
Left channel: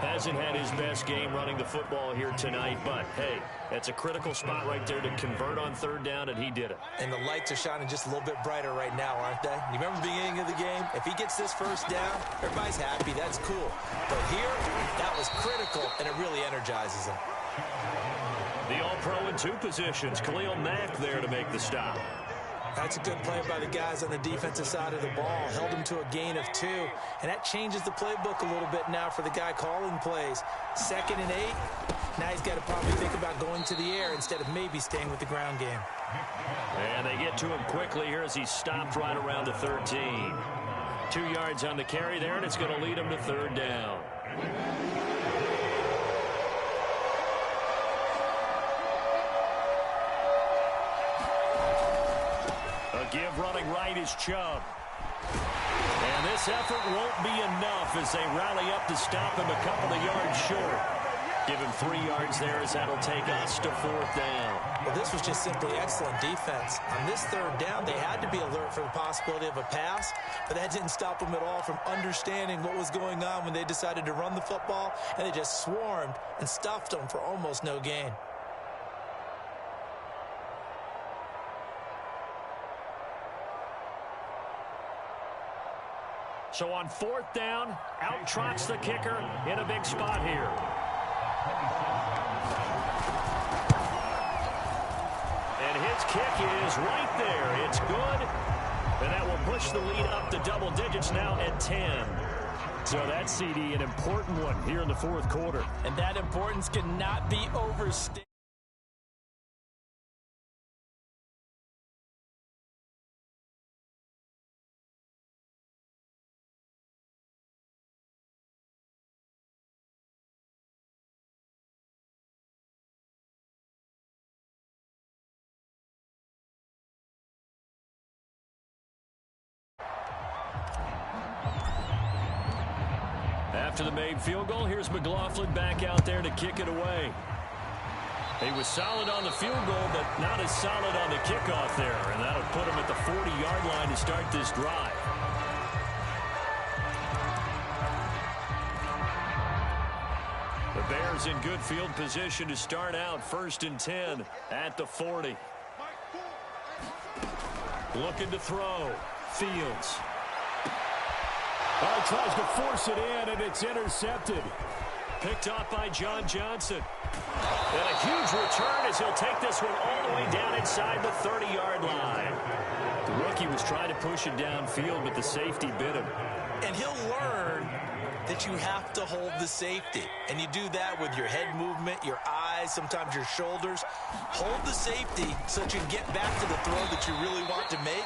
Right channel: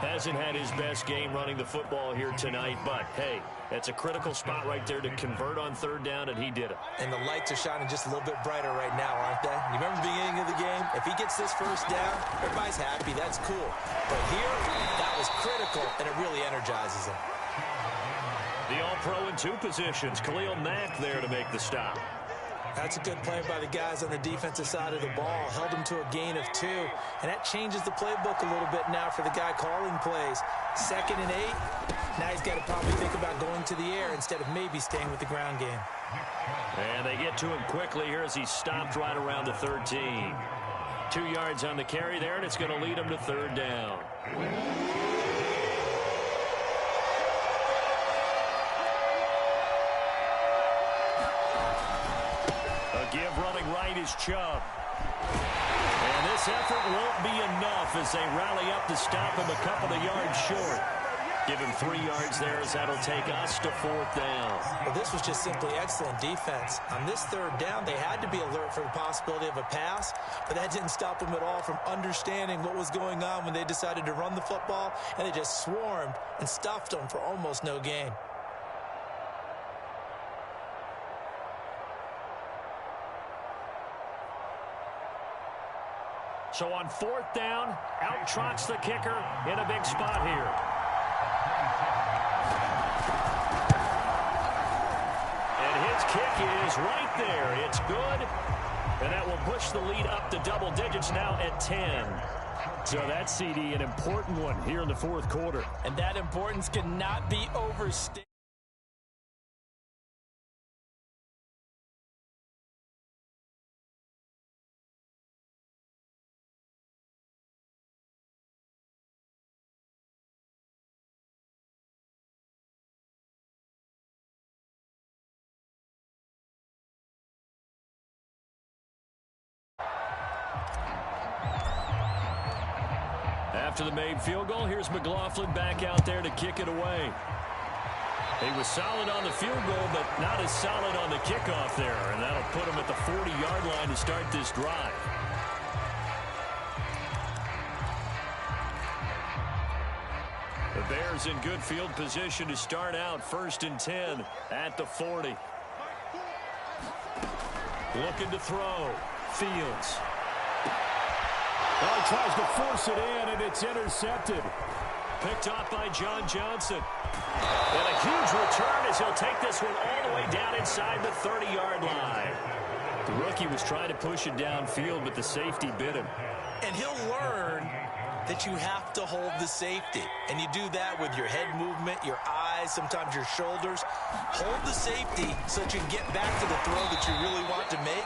Hasn't had his best game running the football here tonight, but, hey, that's a critical spot right there to convert on 3rd down, and he did it. And the lights are shining just a little bit brighter right now, aren't they? You remember the beginning of the game? If he gets this 1st down, everybody's happy. That's cool. But here, that was critical, and it really energizes him. The All-Pro in 2 positions. Khalil Mack there to make the stop. That's a good play by the guys on the defensive side of the ball. Held him to a gain of 2. And that changes the playbook a little bit now for the guy calling plays. 2nd and 8. Now he's got to probably think about going to the air instead of maybe staying with the ground game. And they get to him quickly here as he stopped right around the 13. 2 yards on the carry there, and it's going to lead him to 3rd down. Give running right is Chubb. And this effort won't be enough as they rally up to stop him a couple of yards short. Give him 3 yards there as that'll take us to 4th down. Well, this was just simply excellent defense. On this 3rd down, they had to be alert for the possibility of a pass, but that didn't stop them at all from understanding what was going on when they decided to run the football, and they just swarmed and stuffed them for almost no gain. So on 4th down, out trots the kicker in a big spot here. And his kick is right there. It's good. And that will push the lead up to double digits now at 10. So that's, CD, an important one here in the 4th quarter. And that importance cannot be overstated. After the made field goal, here's McLaughlin back out there to kick it away. He was solid on the field goal, but not as solid on the kickoff there, and that'll put him at the 40-yard line to start this drive. The Bears in good field position to start out 1st and 10 at the 40. Looking to throw. Fields. Oh, he tries to force it in, and it's intercepted. Picked off by John Johnson. And a huge return as he'll take this one all the way down inside the 30-yard line. The rookie was trying to push it downfield, but the safety bit him. And he'll learn that you have to hold the safety. And you do that with your head movement, your eyes, sometimes your shoulders. Hold the safety so that you can get back to the throw that you really want to make.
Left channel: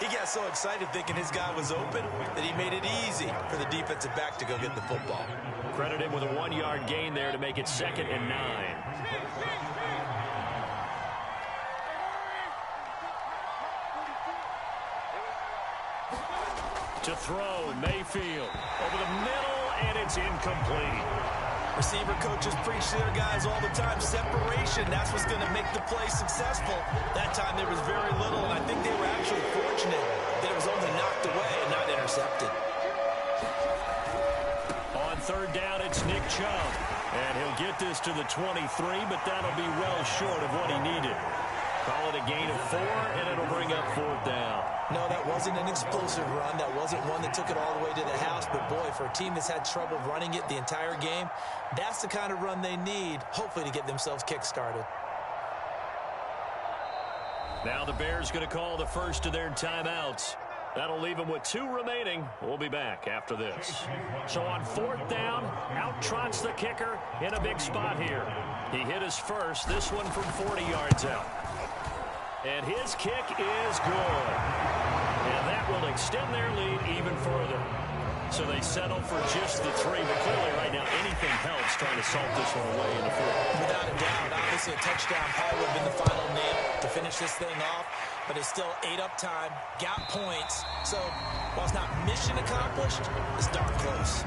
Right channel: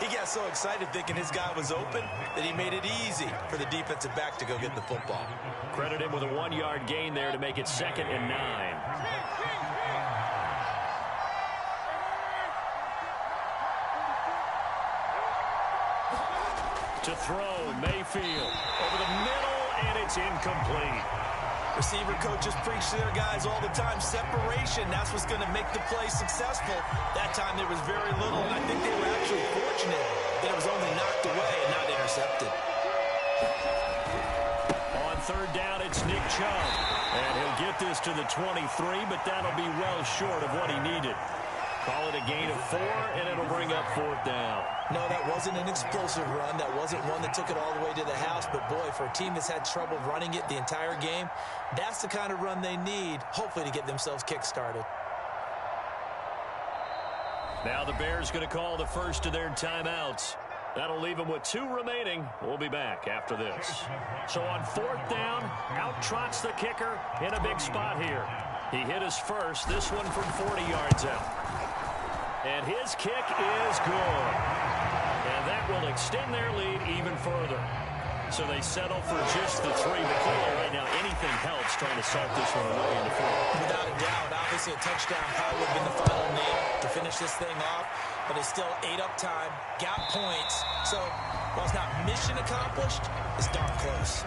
He got so excited thinking his guy was open that he made it easy for the defensive back to go get the football. Credit him with a 1-yard gain there to make it 2nd and 9. To throw, Mayfield over the middle, and it's incomplete. Receiver coaches preach to their guys all the time. Separation, that's what's going to make the play successful. That time there was very little, and I think they were actually fortunate that it was only knocked away and not intercepted. On 3rd down, it's Nick Chubb. And he'll get this to the 23, but that'll be well short of what he needed. Call it a gain of 4, and it'll bring up 4th down. No, that wasn't an explosive run. That wasn't one that took it all the way to the house. But, boy, for a team that's had trouble running it the entire game, that's the kind of run they need, hopefully, to get themselves kick-started. Now the Bears going to call the first of their timeouts. That'll leave him with 2 remaining. We'll be back after this. So on 4th down, out trots the kicker in a big spot here. He hit his first, this one from 40 yards out. And his kick is good. And that will extend their lead even further. So they settle for just the 3, but clearly right now anything helps trying to salt this one away in the 4th. Without a doubt, obviously a touchdown probably would have been the final nail to finish this thing off, but it's still ate up time, got points. So while it's not mission accomplished, it's darn close.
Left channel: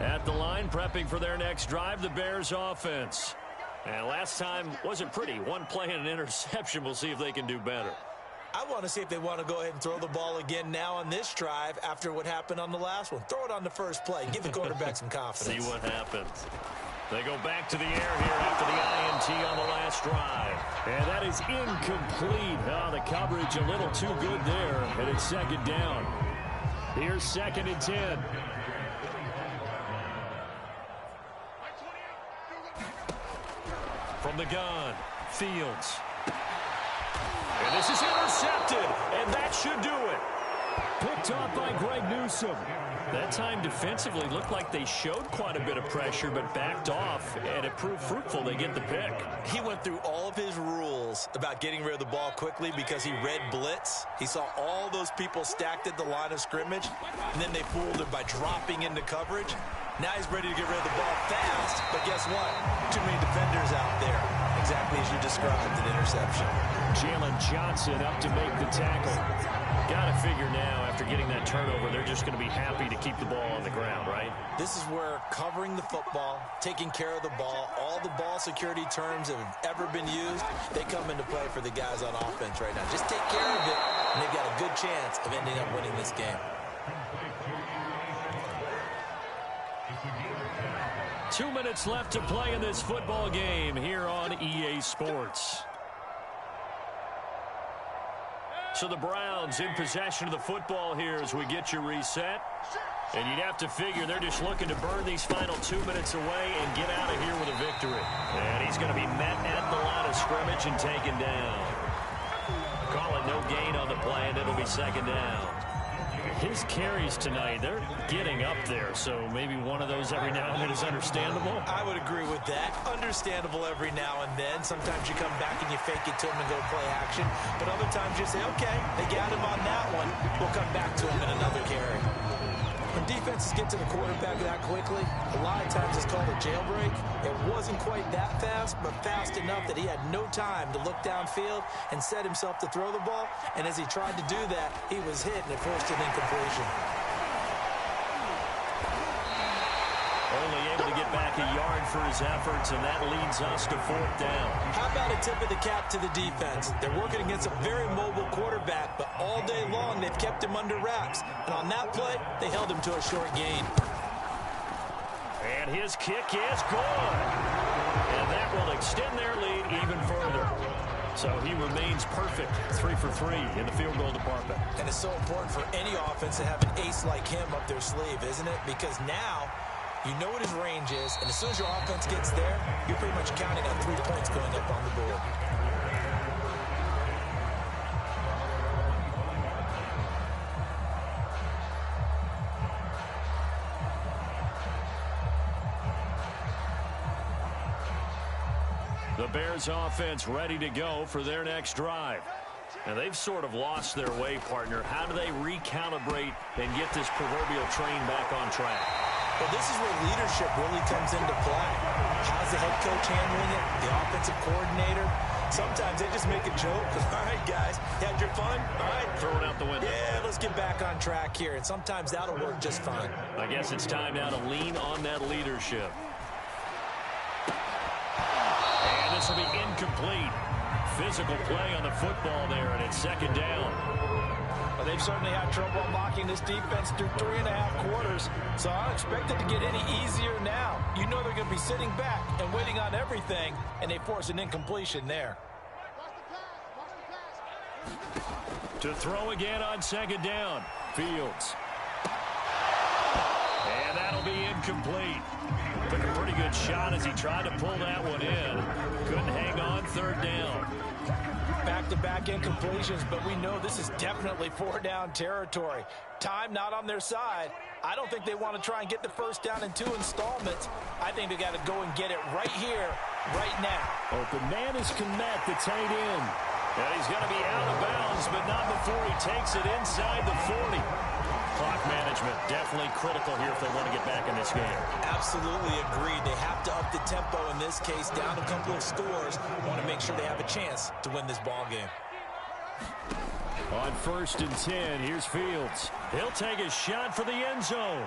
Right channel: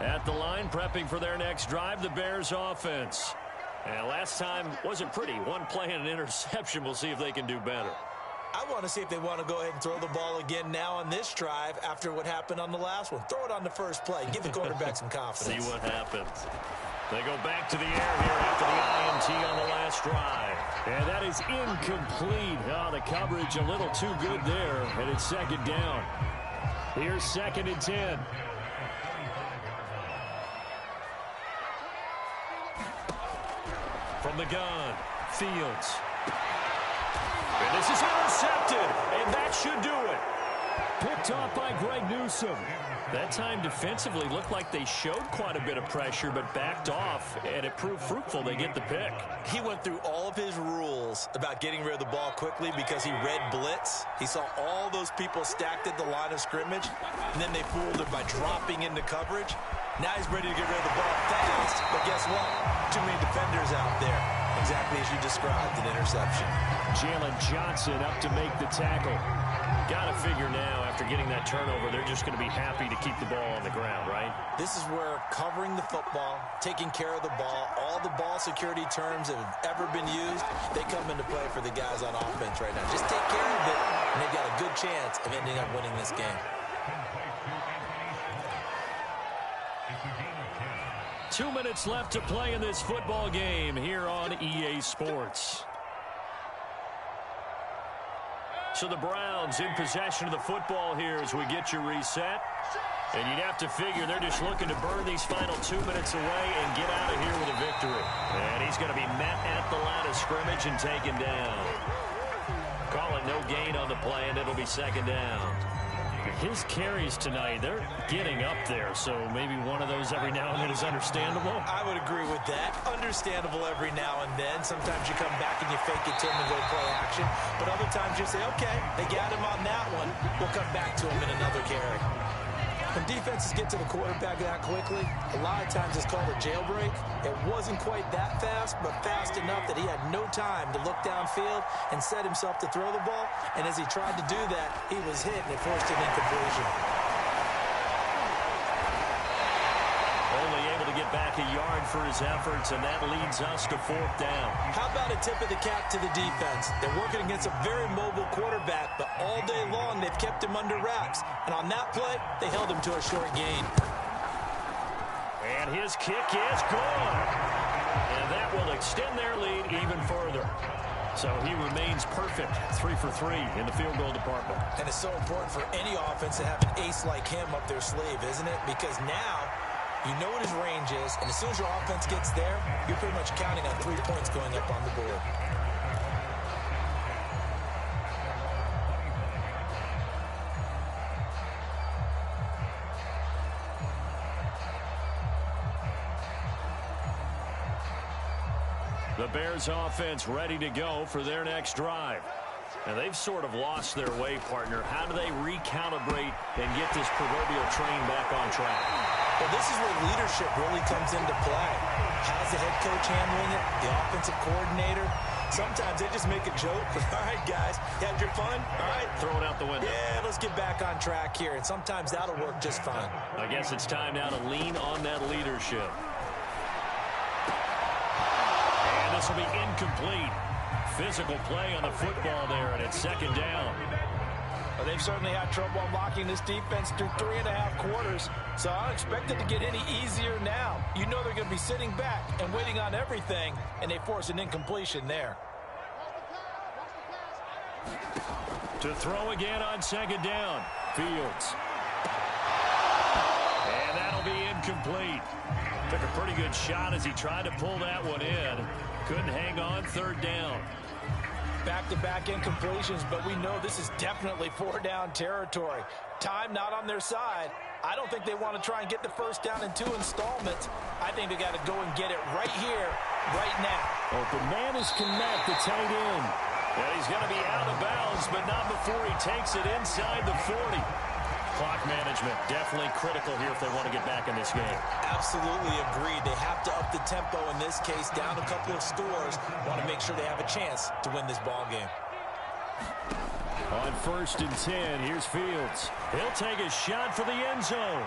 At the line, prepping for their next drive, the Bears offense. And last time wasn't pretty. One play and an interception. We'll see if they can do better. I want to see if they want to go ahead and throw the ball again now on this drive after what happened on the last one. Throw it on the first play. Give the quarterback some confidence. See what happens. They go back to the air here after the INT on the last drive. And that is incomplete. Oh, the coverage a little too good there. And it's 2nd down. Here's 2nd and 10. From the gun, Fields. And this is intercepted, and that should do it. Picked off by Greg Newsome. That time defensively looked like they showed quite a bit of pressure, but backed off, and it proved fruitful. They get the pick. He went through all of his rules about getting rid of the ball quickly because he read blitz. He saw all those people stacked at the line of scrimmage, and then they fooled him by dropping into coverage. Now he's ready to get rid of the ball fast, but guess what? Too many defenders out there. Exactly as you described, an interception. Jalen Johnson up to make the tackle. Got to figure now, after getting that turnover, they're just going to be happy to keep the ball on the ground, right? This is where covering the football, taking care of the ball, all the ball security terms that have ever been used, they come into play for the guys on offense right now. Just take care of it, and they've got a good chance of ending up winning this game. 2 minutes left to play in this football game here on EA Sports. So the Browns in possession of the football here as we get you reset. And you'd have to figure they're just looking to burn these final 2 minutes away and get out of here with a victory. And he's going to be met at the line of scrimmage and taken down. Call it no gain on the play, and it'll be 2nd down. His carries tonight, they're getting up there, so maybe one of those every now and then is understandable. I would agree with that. Understandable every now and then. Sometimes you come back and you fake it to him and go play action. But other times you say, okay, they got him on that one. We'll come back to him in another carry. When defenses get to the quarterback that quickly, a lot of times it's called a jailbreak. It wasn't quite that fast, but fast enough that he had no time to look downfield and set himself to throw the ball. And as he tried to do that, he was hit and it forced an incompletion. Only able to get back a yard for his efforts, and that leads us to 4th down. How about a tip of the cap to the defense? They're working against a very mobile quarterback, but all day long they've kept him under wraps. And on that play, they held him to a short gain. And his kick is good. And that will extend their lead even further. So he remains perfect, 3 for 3 in the field goal department. And it's so important for any offense to have an ace like him up their sleeve, isn't it? Because now you know what his range is, and as soon as your offense gets there, you're pretty much counting on 3 points going up on the board. The Bears offense ready to go for their next drive. And they've sort of lost their way, partner. How do they recalibrate and get this proverbial train back on track? Well, this is where leadership really comes into play. How's the head coach handling it? The offensive coordinator? Sometimes they just make a joke. All right, guys, you had your fun? All right. Throw it out the window. Yeah, let's get back on track here. And sometimes that'll work just fine. I guess it's time now to lean on that leadership. And this will be incomplete. Physical play on the football there, and it's 2nd down. Well, they've certainly had trouble unlocking this defense through 3.5 quarters, so I don't expect it to get any easier now. You know they're going to be sitting back and waiting on everything, and they force an incompletion there. To throw again on 2nd down, Fields. And that'll be incomplete. Took a pretty good shot as he tried to pull that one in. Couldn't hang on third down. Back-to-back incompletions, but we know this is definitely four-down territory. Time not on their side. I don't think they want to try and get the first down in 2 installments. I think they got to go and get it right here, right now. Open man is Kmet, the tight end. And he's going to be out of bounds, but not before he takes it inside the 40. Clock management, definitely critical here if they want to get back in this game. Absolutely agreed. They have to up the tempo in this case, down a couple of scores. Want to make sure they have a chance to win this ball game. On 1st and 10, here's Fields. He'll take a shot for the end zone.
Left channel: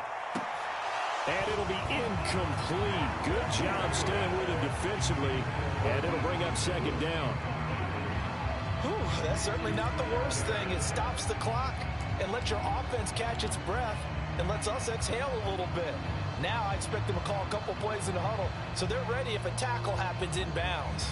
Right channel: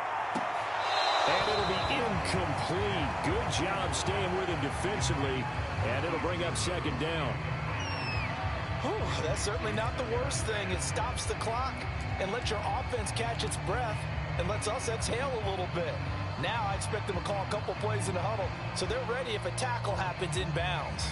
And it'll be incomplete. Good job staying with him defensively. And it'll bring up 2nd down. Whew, that's certainly not the worst thing. It stops the clock and lets your offense catch its breath and lets us exhale a little bit. Now I expect them to call a couple plays in the huddle so they're ready if a tackle happens inbounds.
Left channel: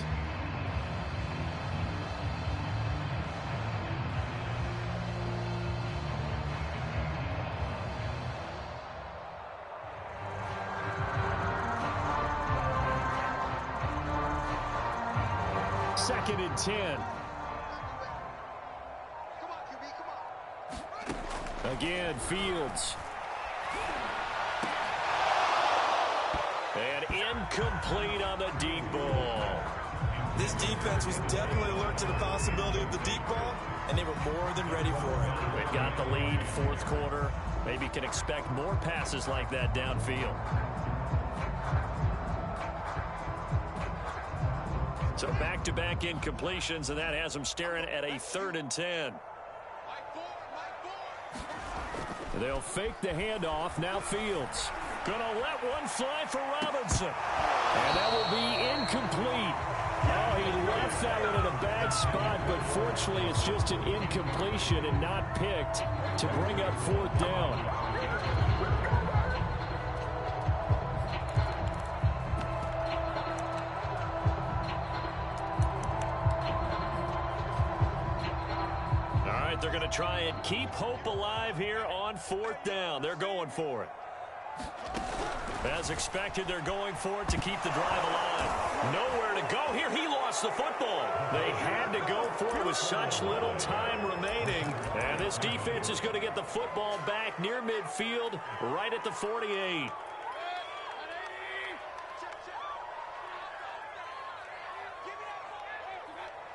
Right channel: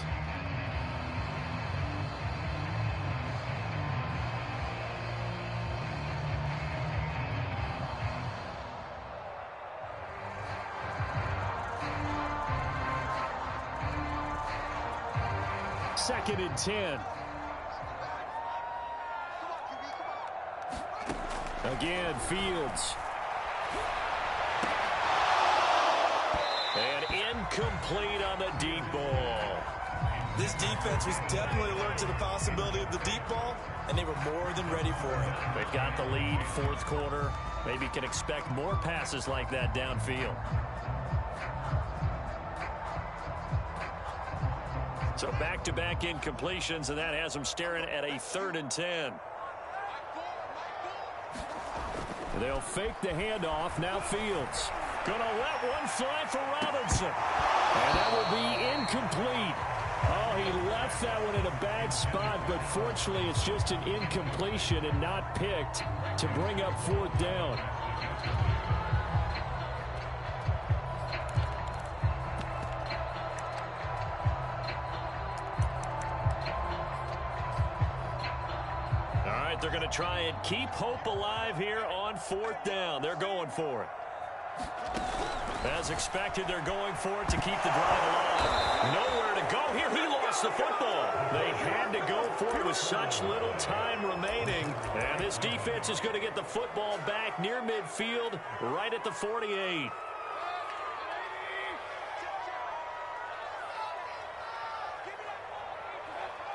Second and 10. Again, Fields. And incomplete on the deep ball. This defense was definitely alert to the possibility of the deep ball, and they were more than ready for it. They've got the lead, 4th quarter. Maybe can expect more passes like that downfield. So back-to-back incompletions, and that has them staring at a 3rd and 10. They'll fake the handoff. Now Fields. Gonna let one fly for Robinson. And that will be incomplete. Oh, he left that one in a bad spot, but fortunately it's just an incompletion and not picked to bring up 4th down. They're going to try and keep hope alive here on 4th down. They're going for it. As expected, they're going for it to keep the drive alive. Nowhere to go here. He lost the football. They had to go for it with such little time remaining. And this defense is going to get the football back near midfield, right at the 48.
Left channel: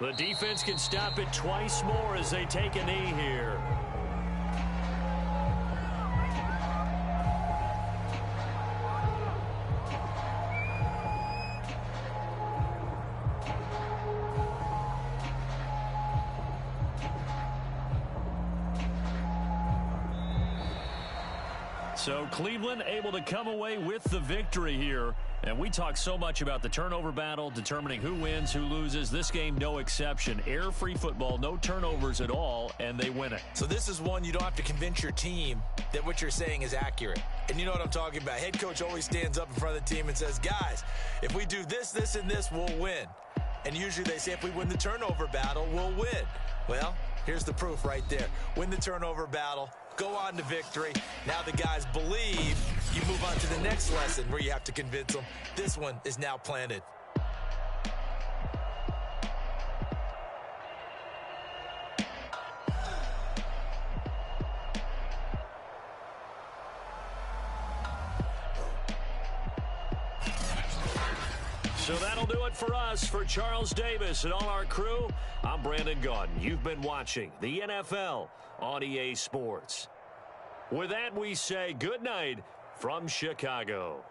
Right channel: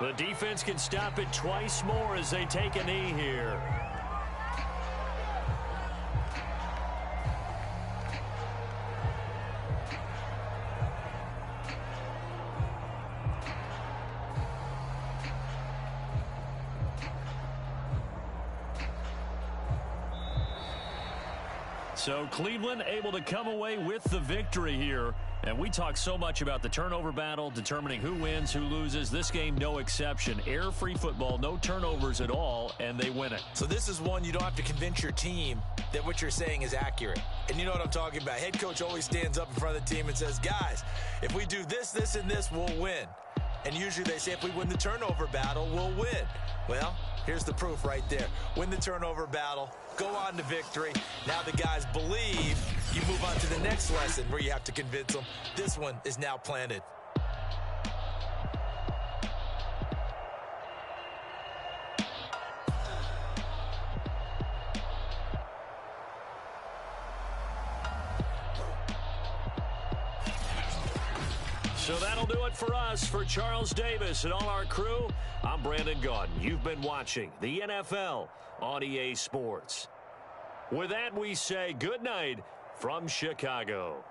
The defense can stop it twice more as they take a knee here. So Cleveland able to come away with the victory here. And we talk so much about the turnover battle, determining who wins, who loses. This game, no exception. Error-free football, no turnovers at all, and they win it. So this is one you don't have to convince your team that what you're saying is accurate. And you know what I'm talking about. Head coach always stands up in front of the team and says, guys, if we do this, this, and this, we'll win. And usually they say if we win the turnover battle, we'll win. Well, here's the proof right there. Win the turnover battle. Go on to victory. Now the guys believe. You move on to the next lesson where you have to convince them. This one is now planted. So that'll do it for us. For Charles Davis and all our crew, I'm Brandon Gaudin. You've been watching the NFL on EA Sports. With that, we say good night from Chicago.